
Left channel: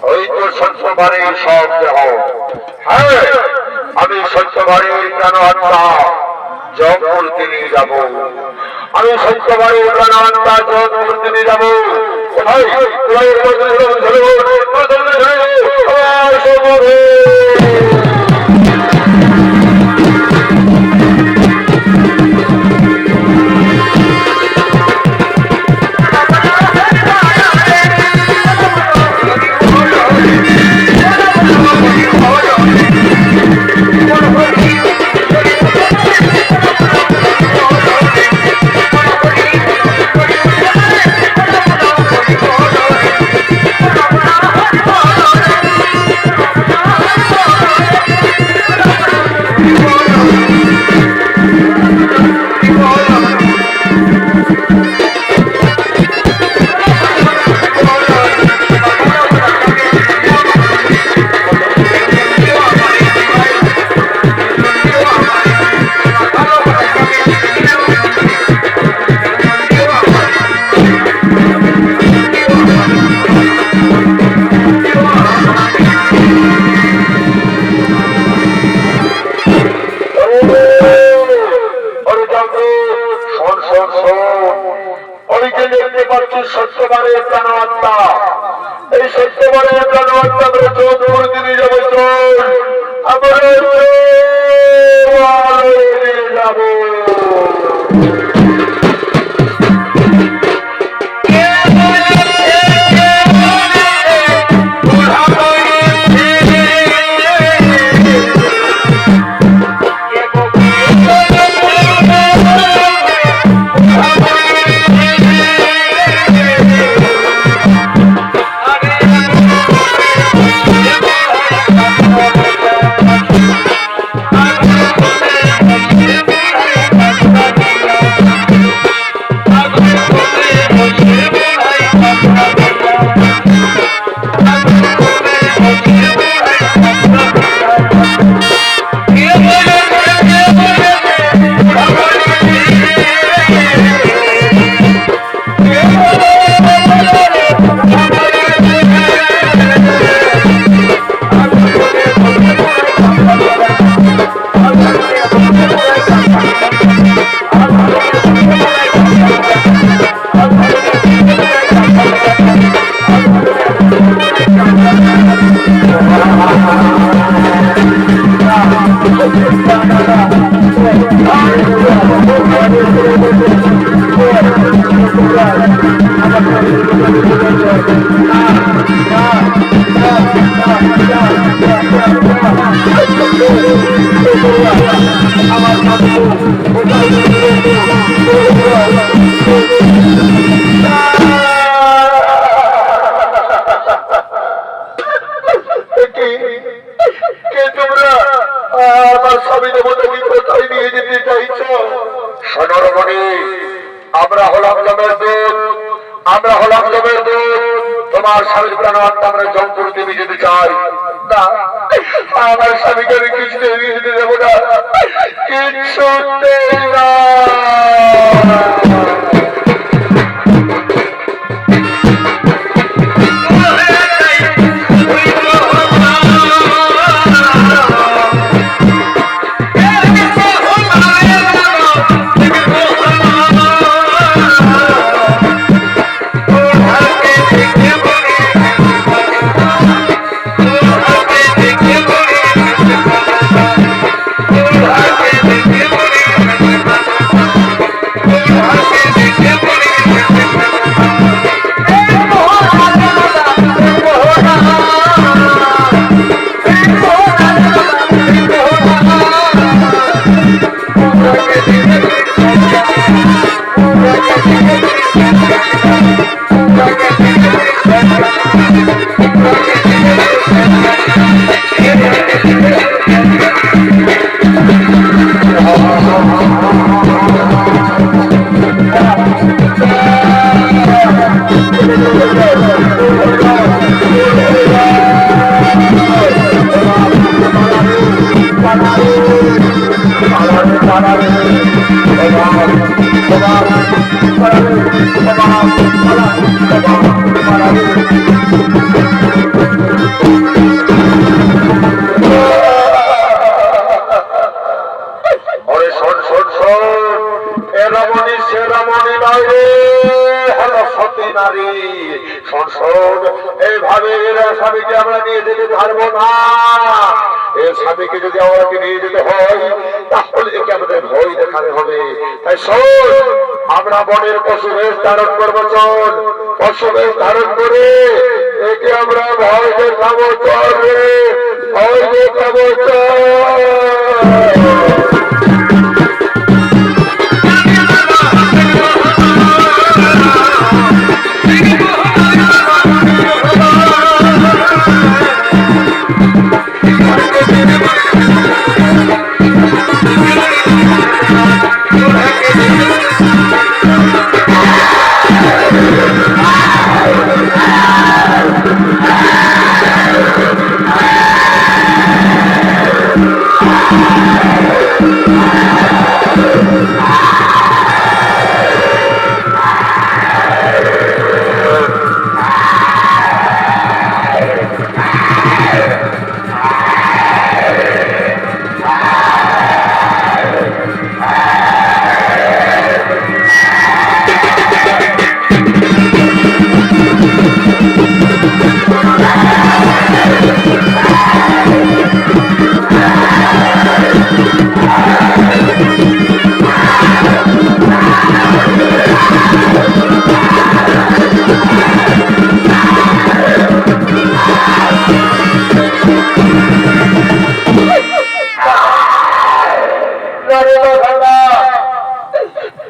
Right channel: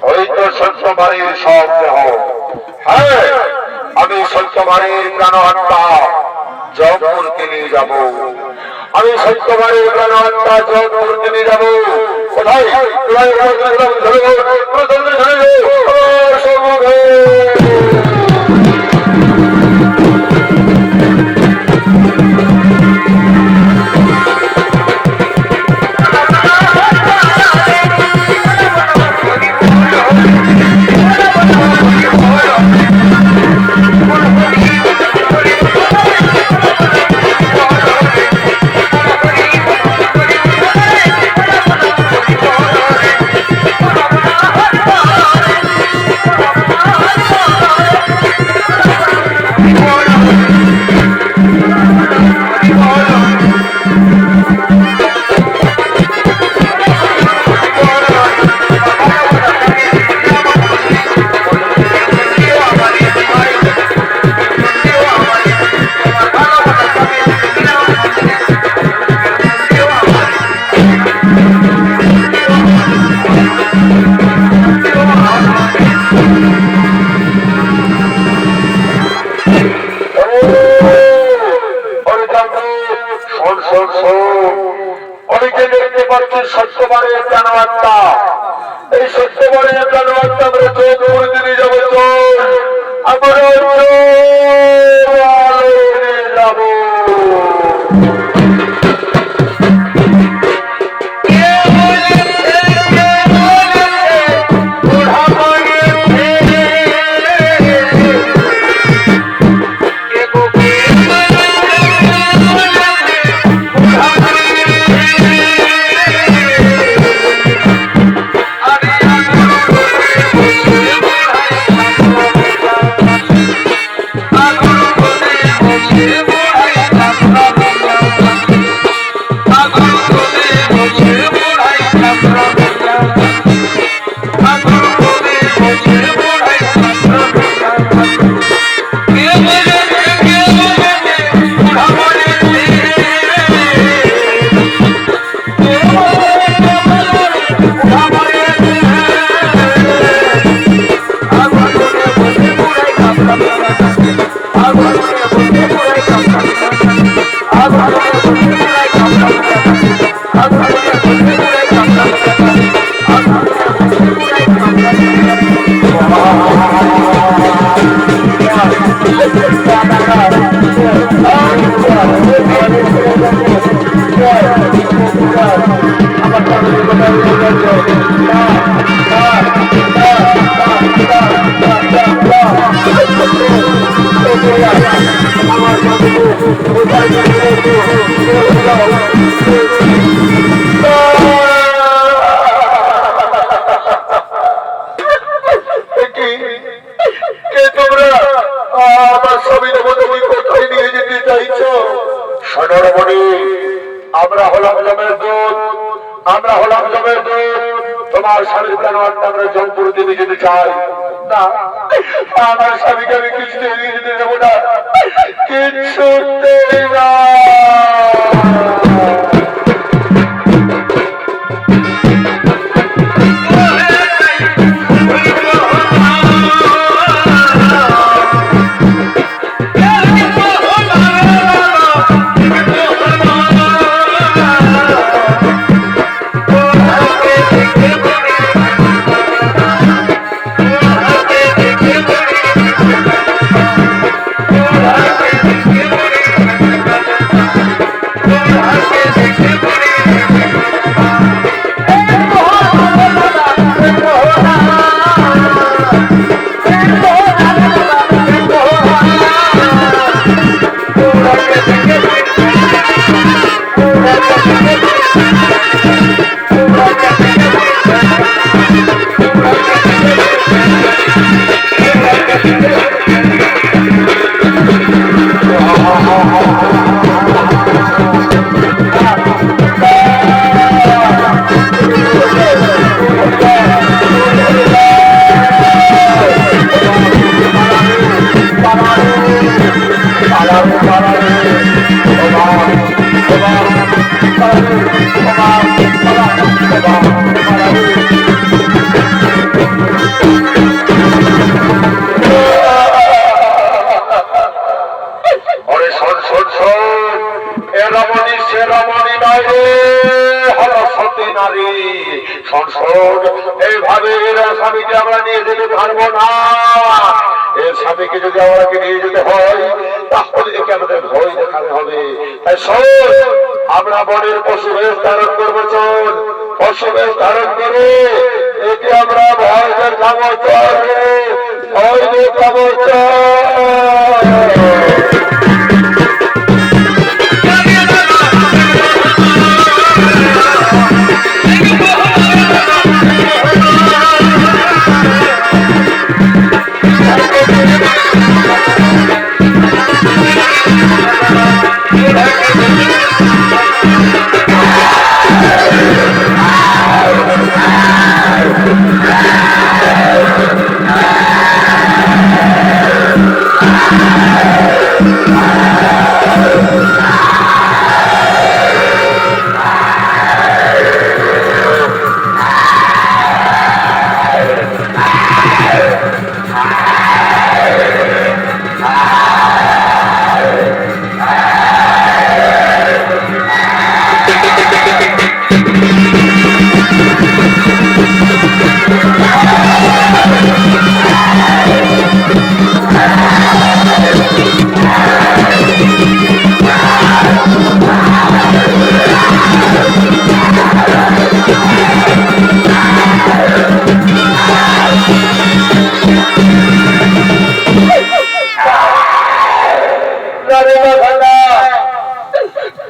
ওই তো সত্যবাড়ির সব দেহ। হ্যাঁ, আমি সত্যবাড়ির প্রাণ আত্মা জয়পুরকে নিয়ে যাব। আমি সত্যবাড়ির প্রাণ আত্মা জয়পুরকে নিয়ে যাব। কোথায় সত্যবারের প্রাণ আত্মা, এই সত্যবারের প্রাণ আত্মা আমরা চোখ দিয়ে যাবো। চোখ আমরা যাবো। আমরা হলাম জমের দুধ, আমরা হলাম জমের দুধ। তোমার স্বামীর প্রাণ আত্মা আমরা জমপুর দেবী যেতে চাই না। আমার স্বামীকে আমি কিছু যেতে দেবো না, কিছু না। Oh, এইভাবে স্বামীকে আমরা নিয়ে যেতে পারবো না। এর স্বামীকে যদি আমাকে নিয়ে যেতে হয় তাহলে একে আমাদের ভয় দেখাতে হবে। তাই শোন, আমরা বনের পশু বেশ ধারণ করবো। চল, পশু বেশ ধারণ করে একে আমরা ভয় দেখাবো। চল রে, ভয় দেখাবো। চল।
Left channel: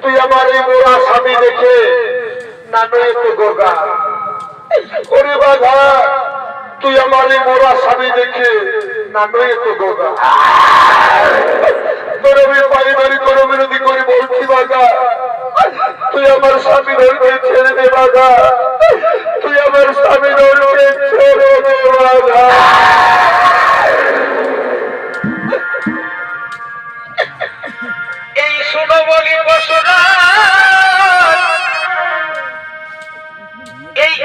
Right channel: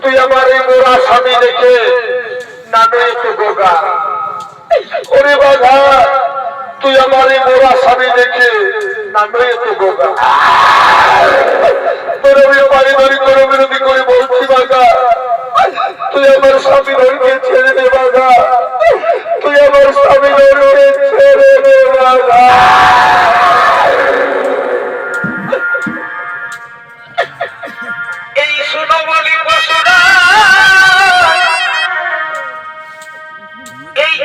তুই আমার এই মোরা স্বামী দেখে নানু একটু গোগা। ওরে বাঘা, তুই আমার এই মোরা স্বামী দেখে নানু একটু গোগা। তোর আমি পারিবারিক কোনো বিরোধী করে বলছি বাঘা, তুই আমার স্বামী ধরকে ছেড়ে দে বাঘা। তুই আমার স্বামী ধরকে ছেড়ে দে বাঘা। এই শোনো বলি পশুরা, এই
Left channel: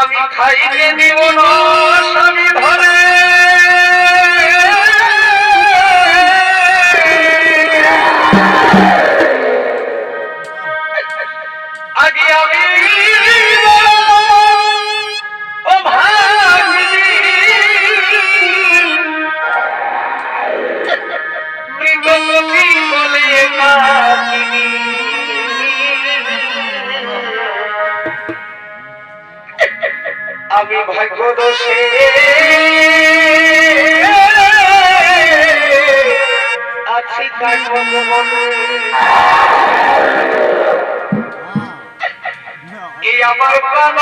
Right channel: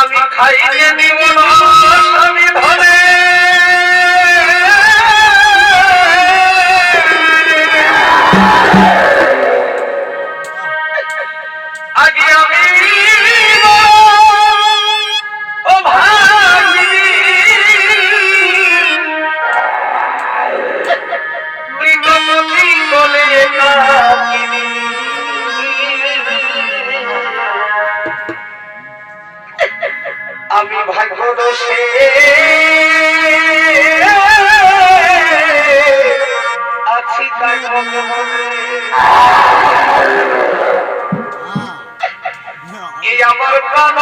আমি খাইতে দিব না স্বামী ধরে। আগে আমি বলে আমি ভাগ্য দোষে আছি তাই মনে এই আমার প্রাণ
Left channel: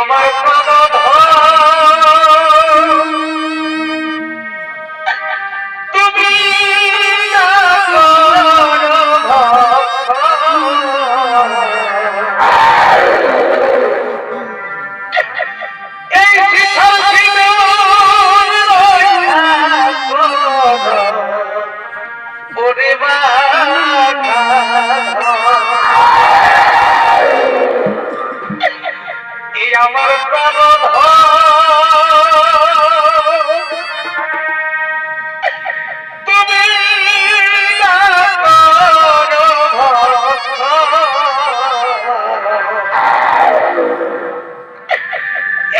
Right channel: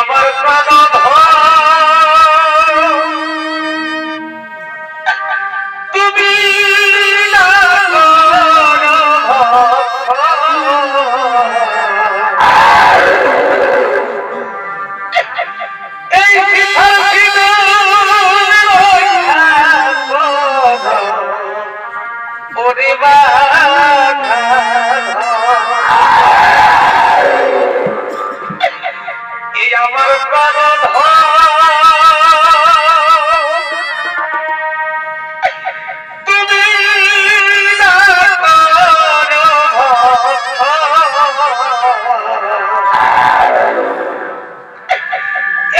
আমার প্রাণ তুমি ওরে বাঘা আমার প্রাণ তুমি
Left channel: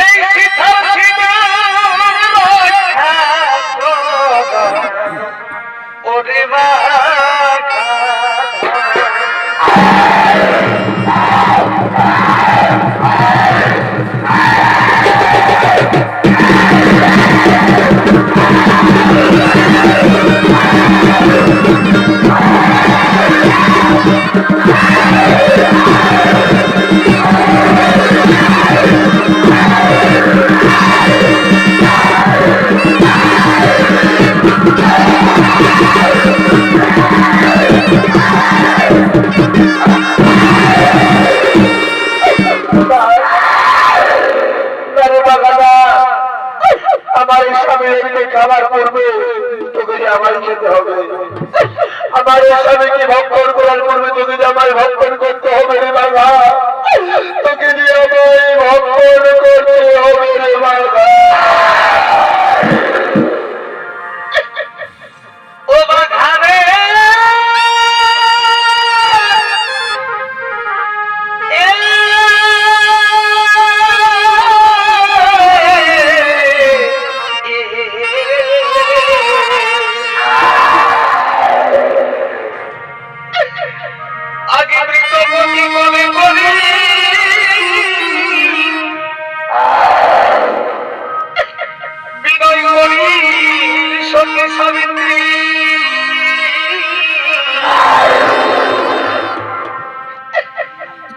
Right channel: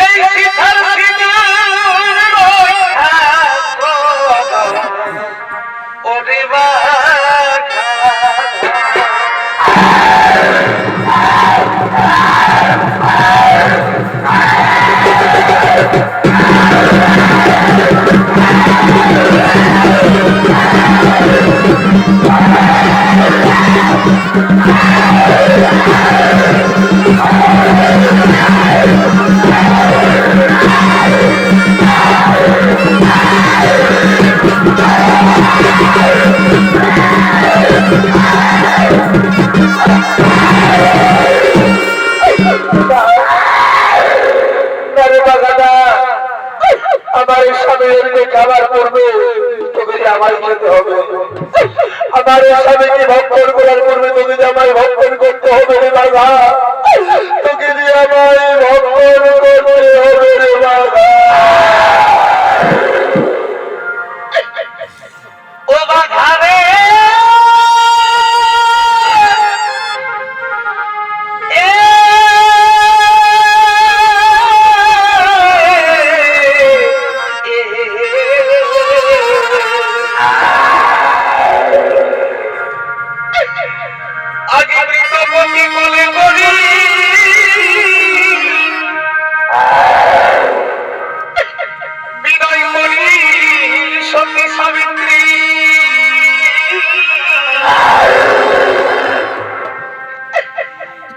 এই শীতল ওরে বাঘা আমি এমনি খাবার করবে তোকে যে আমারই খেতে হবে। আমার স্বামীকে ভক্ষণ করার পূর্বে তোকে যে আমায় ভক্ষণ করতে হবে রে বাবা, তোকে যে আমায় ভক্ষণ করতে হবে রে বাবা। ও বাঘা রে আগে মৃতপতি বলে করি বিনয় করি সতী সাবিত্রী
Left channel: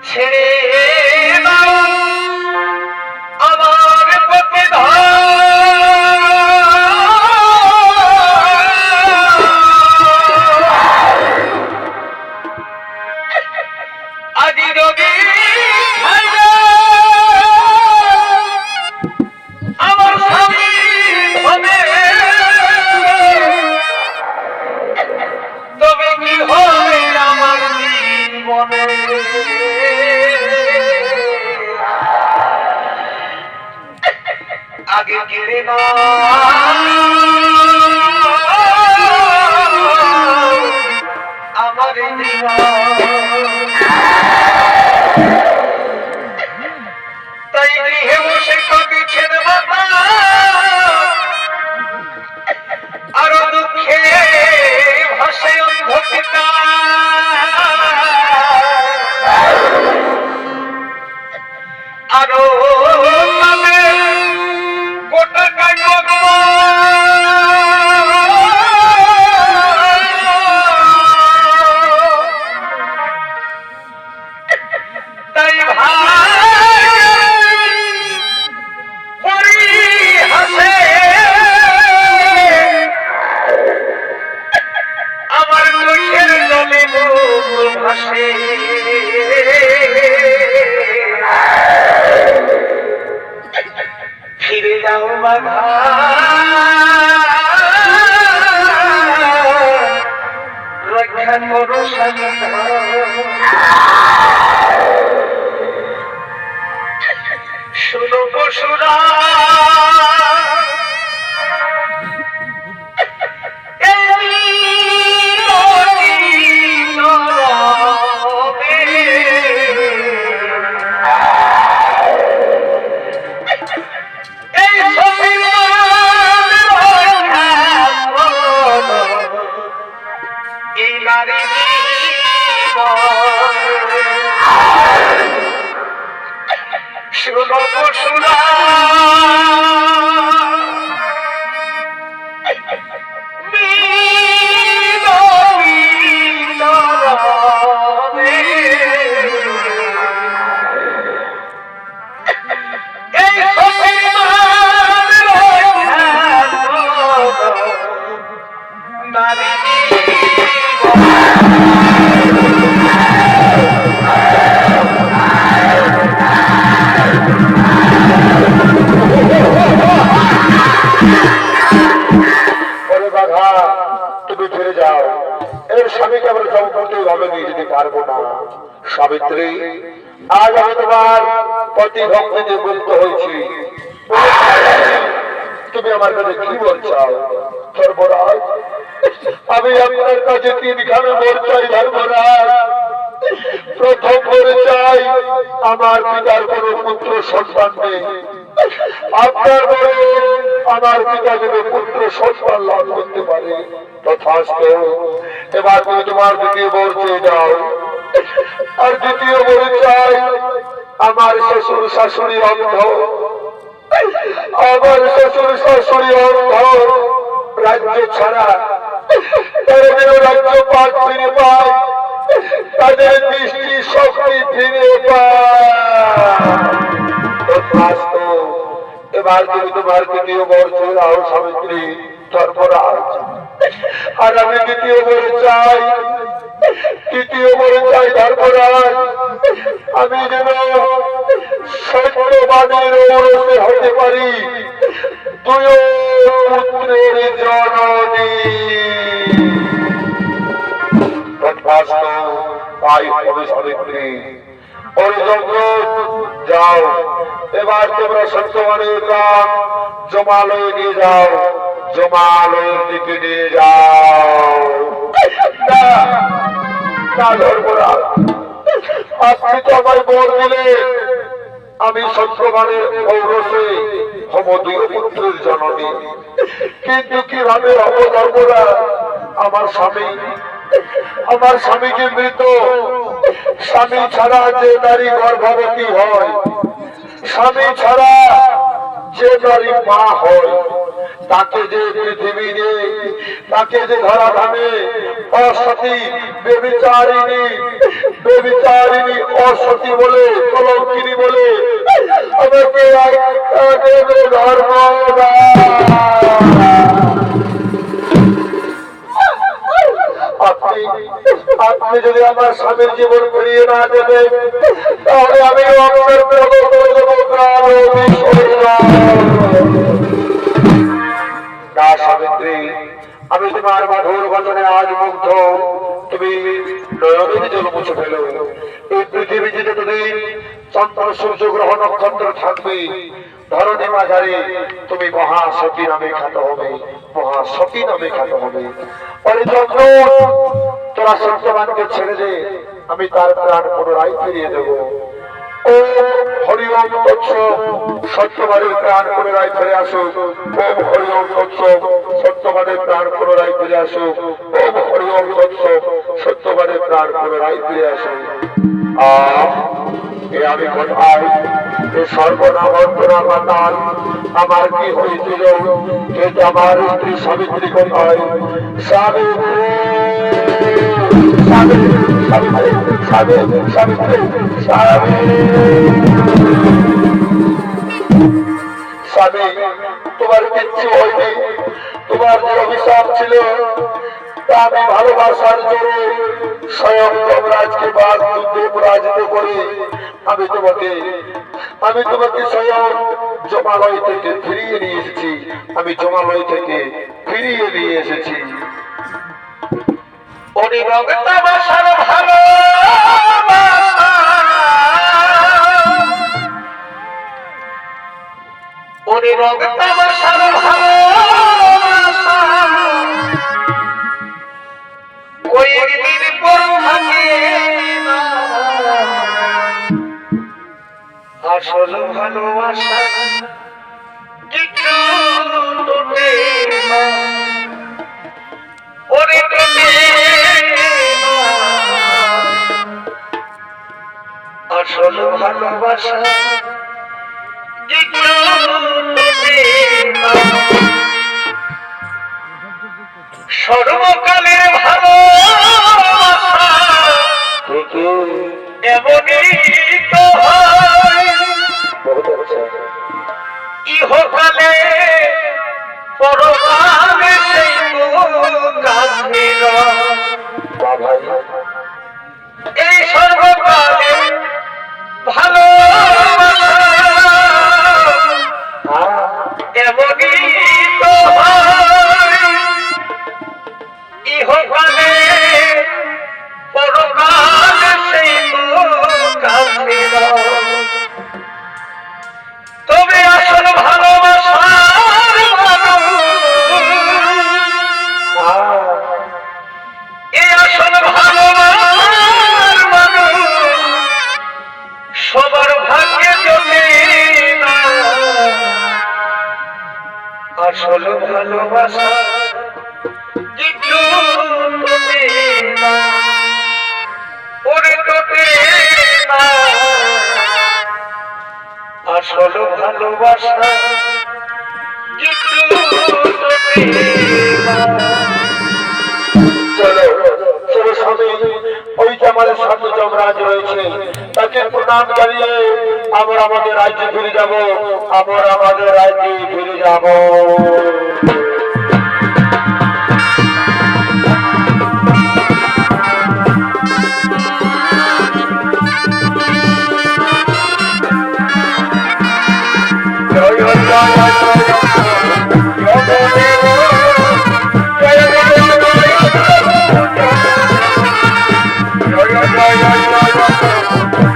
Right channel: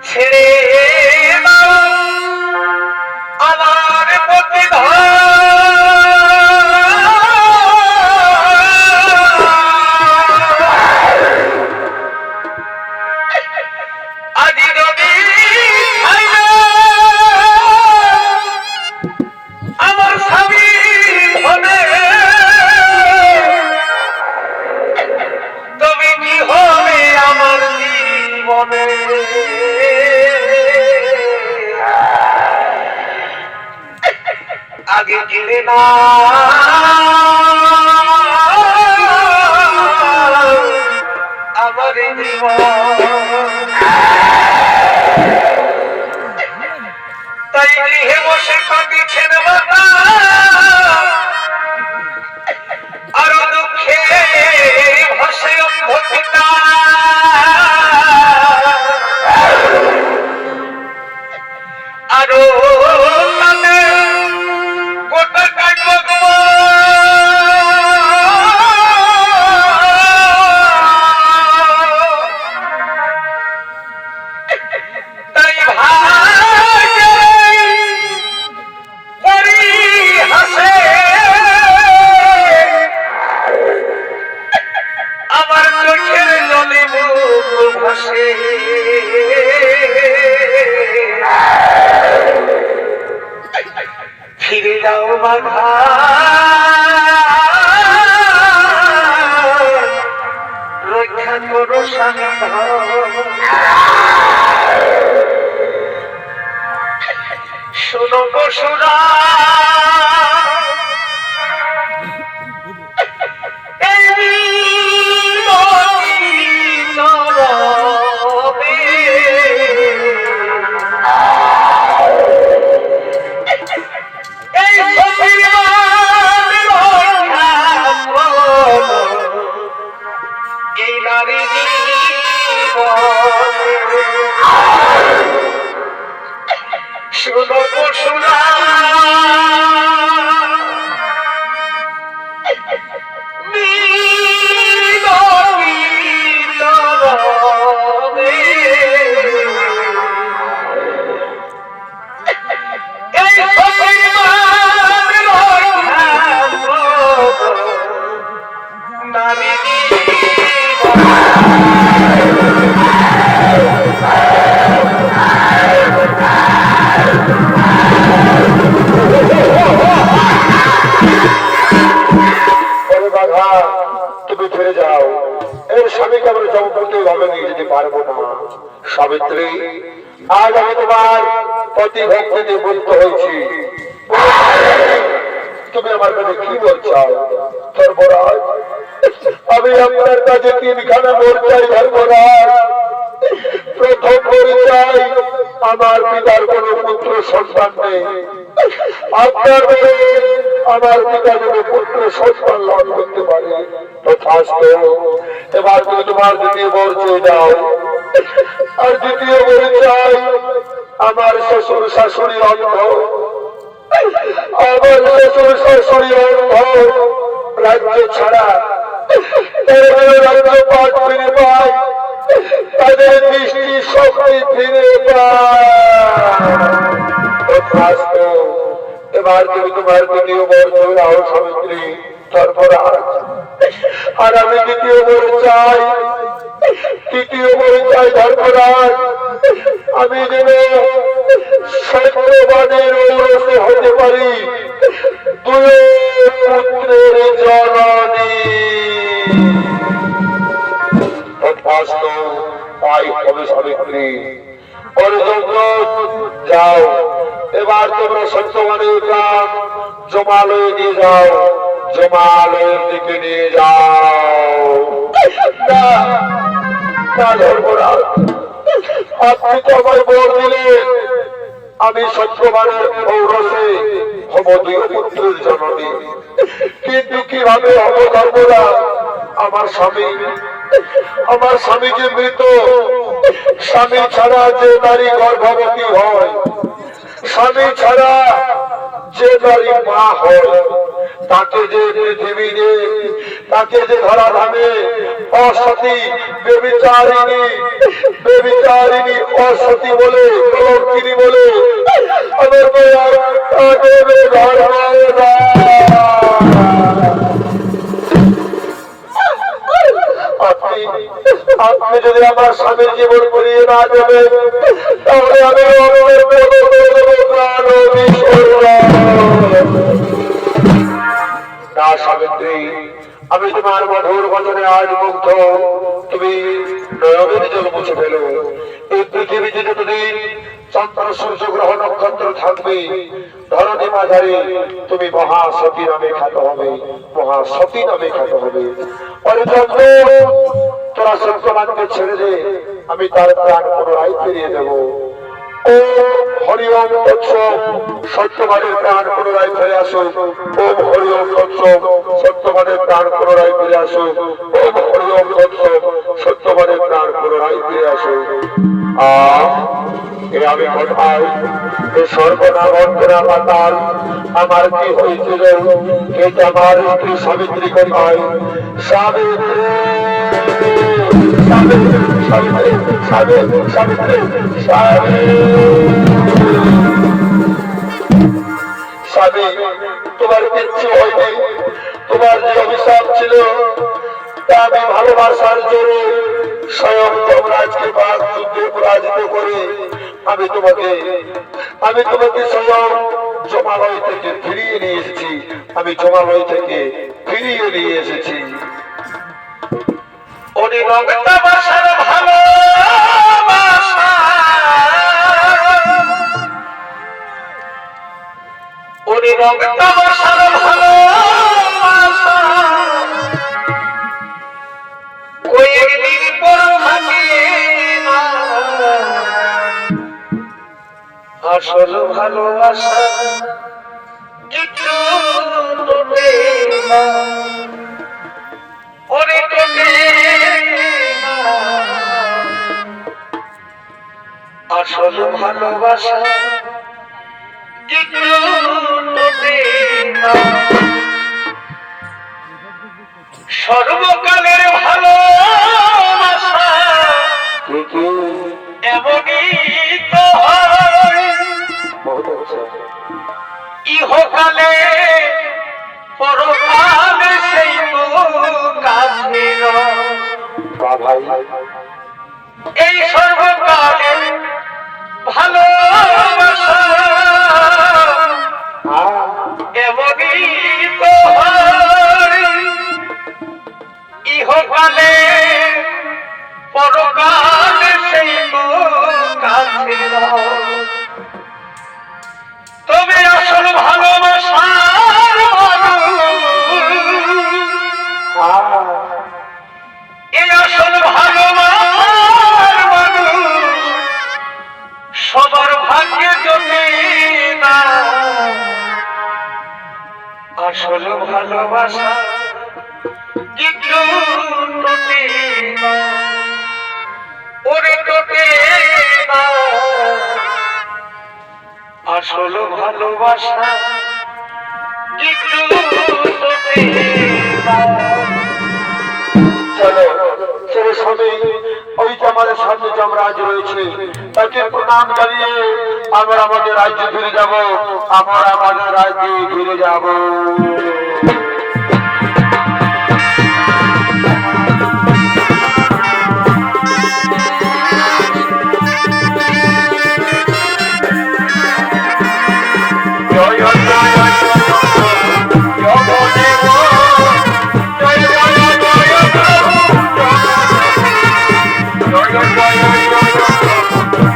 ছেড়ে দাও আমার প্রতি আজি যদি আমার স্বামী হবে তবে কি হবে আমার জীবনে আগে কেড়ে না আমার জীবন তাই গৃহে বসে কাঁদিছেন মাতা আরো দুঃখে ভাসে অন্ধ পিতা আরো গোটা কাটব তাই ভাই হাসে আমার চোখের জলে মুখ ভাসে ফিরে যাও বাঘা রক্ষা করো সাধন শুনো পশুরা এই নারী শুনো পশুরা তুমি ফিরে যাও, এর স্বামীকে আমরা সম্পত্তি ভাবে নিয়ে যেতে পারবো না। সাবিত্রী, আজ আমি তোমার পতি ভক্তিতে মুক্ত হয়েছি, তুমি আমার কাছে কি বলছাও? ধর্মরাজ, আমি আপনার কাছে তিনখানা মোর চাই ধর্মরাজ। প্রথম পরিচয়, আমার পিতার কোন পুত্র সন্তান নেই, আপনার বলে আমার পিতা যদি পুত্র সন্তান লাভ করতে পারে তথাস্তু। এবার তুমি তোমার দ্বিতীয় বর চেয়ে যাও। আর দ্বিতীয় পরিচয়, আমার শ্বশুর শাশুড়ি অন্ধ, আমার শ্বশুর শাশুড়ি অন্ধ, রাজ্য ছাড়া রাজ্য পাঠ ফিরে পায়, তাদের দৃষ্টি শক্তি ফিরে পায়। এবার তুমি তোমার দ্বিতীয় বর চাও সাবিত্রী, ধর্মরাজ। আর আমি দ্বিতীয় বর চাই, তৃতীয় বর চাই ধর্মরাজ। আমি যেন সত্যবাদের ঔরসে হতে পারি, দুই পুত্রের জননী। তথাস্তু, তাই হবে সাবিত্রী। অর্জুন, যাও, এবার তোমরা সত্যবানের প্রাণ জমালয়ে নিয়ে যাও, জমালয়ের দিকে নিয়ে যাও। না না ধর্মরাজ, আপনি তো আমায় বর দিলেন আমি সত্যবানের ঔরসে হব দুই পুত্রের জননী, কিন্তু কিভাবে হব ধর্মরাজ? আমার স্বামী যে মৃত। স্বামী ছাড়া যে নারী গর্ভবতী হয়, স্বামী ছাড়া যে নারী মা হয়, তাকে যে পৃথিবীতে, তাকে যে ধরাধামে অসতী, বেবিচারিণী অসতী বলে, কলঙ্কিনী বলে আমাকে আপনি যদি আমার স্বামীর জীবন করিয়ে না দেবেন, তাহলে আমি না সাবিত্রী, আমি তোমার মধুর বচনে আজ মুগ্ধ। তুমি নয়নের জল মুছে ফেলো। এই পৃথিবীতে যতদিন চন্দ্র সূর্য গ্রহ নক্ষত্র থাকবে, ধরণী মাঝারে তুমি মহাসতী নামে খ্যাত হবে, মহাসতী নামে খ্যাত হবে। তোরা সত্যবানকে ছেড়ে দে, আমি তার প্রাণ পুনরায় ফিরিয়ে দেব। ও হরি ওম তৎসৎ, সত্যবানের প্রাণ পুনরায় ফিরে আসুক। ওম হরি ওম তৎসৎ, সত্যবানের প্রাণ পুনরায় ফিরে আসুক। ওম হরি ওম তৎসৎ, সত্যবানের প্রাণ পুনরায় ফিরে আসুক। আমি কোথায়? সর্বনামন্তরা পাতাল, আমার কি হয়েছিল? আমার স্ত্রী সাবিত্রী কোথায়? সাবিত্রী, স্বামী, তোমার কিচ্ছু হয়নি। তোমার যে অভিশাপ ছিল তা আমি ভালোবাসার জোরে স্বয়ং যমরাজকে বাঘ যুদ্ধে পরাজিত করে আমি তোমাকে স্বয়ং জমালয় থেকে ফিরিয়ে নিয়ে এসেছি। আমি জমালয় থেকে ফিরিয়ে নিয়ে এসেছি। অনিরক্তাবাসার ভালোবাসা, অনিরক্তাবাসার ভালোবাসা কয়েকদিন পর থাকিয়ে না, আসল ভালোবাসা কিছু তোলে না। ওরে আসল ভালোবাসা কিছু তোলে না। সর্বকালের ভালোবাসা এমনই তো হয়, ইহকালে পরকালে সেই তো কাছে ভাই। এই সর্বকালে ভালোবাসা এমনই তো হয়, ইহকালে পরকালে সেই তো কাছে তবে আসল ভালোবাসার এই আসল ভালোবাসার মানুষ সবার ভাগ্যে জমে না। আসল ভালোবাসা কিন্তু তোলে না, ওরে তোলে না। আসল ভালোবাসা কিন্তু তোলে না। স্বামী, ওই যে আমাদের সামনে যমরাজ রয়েছে, তাকে প্রণাম জানিয়ে আমরা আমাদের রাজ্যে ফিরে যাব। আমরা আমাদের রাজ্যে ফিরে যাব। জয় জয় জয় জয় জয় জয় জয় জয় জয় প্রভু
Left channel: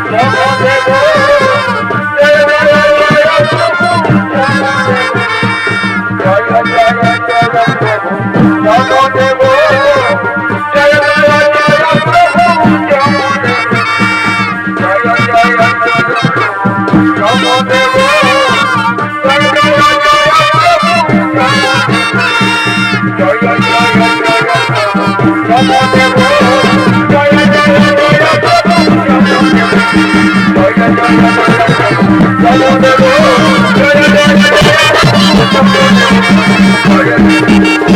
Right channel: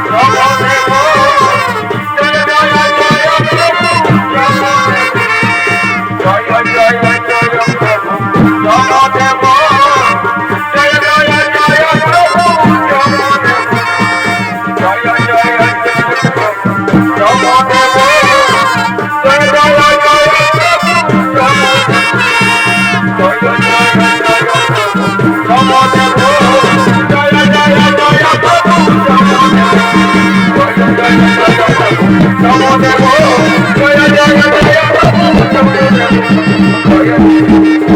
জয় জয় জয় প্রভু জয় জয় জয় প্রভু জনদেব জয় জয় জয় প্রভু জনদেব জয় জয় জয় প্রভু জনদেব জয় জয় জয় প্রভু জনদেব জয় জয় জয় প্রভু জনদেব জয় জয় জয় প্রভু জনদেব জয় জয় জয় প্রভু জনদেব জয় জয় জয় প্রভু জনদেব জয় জয়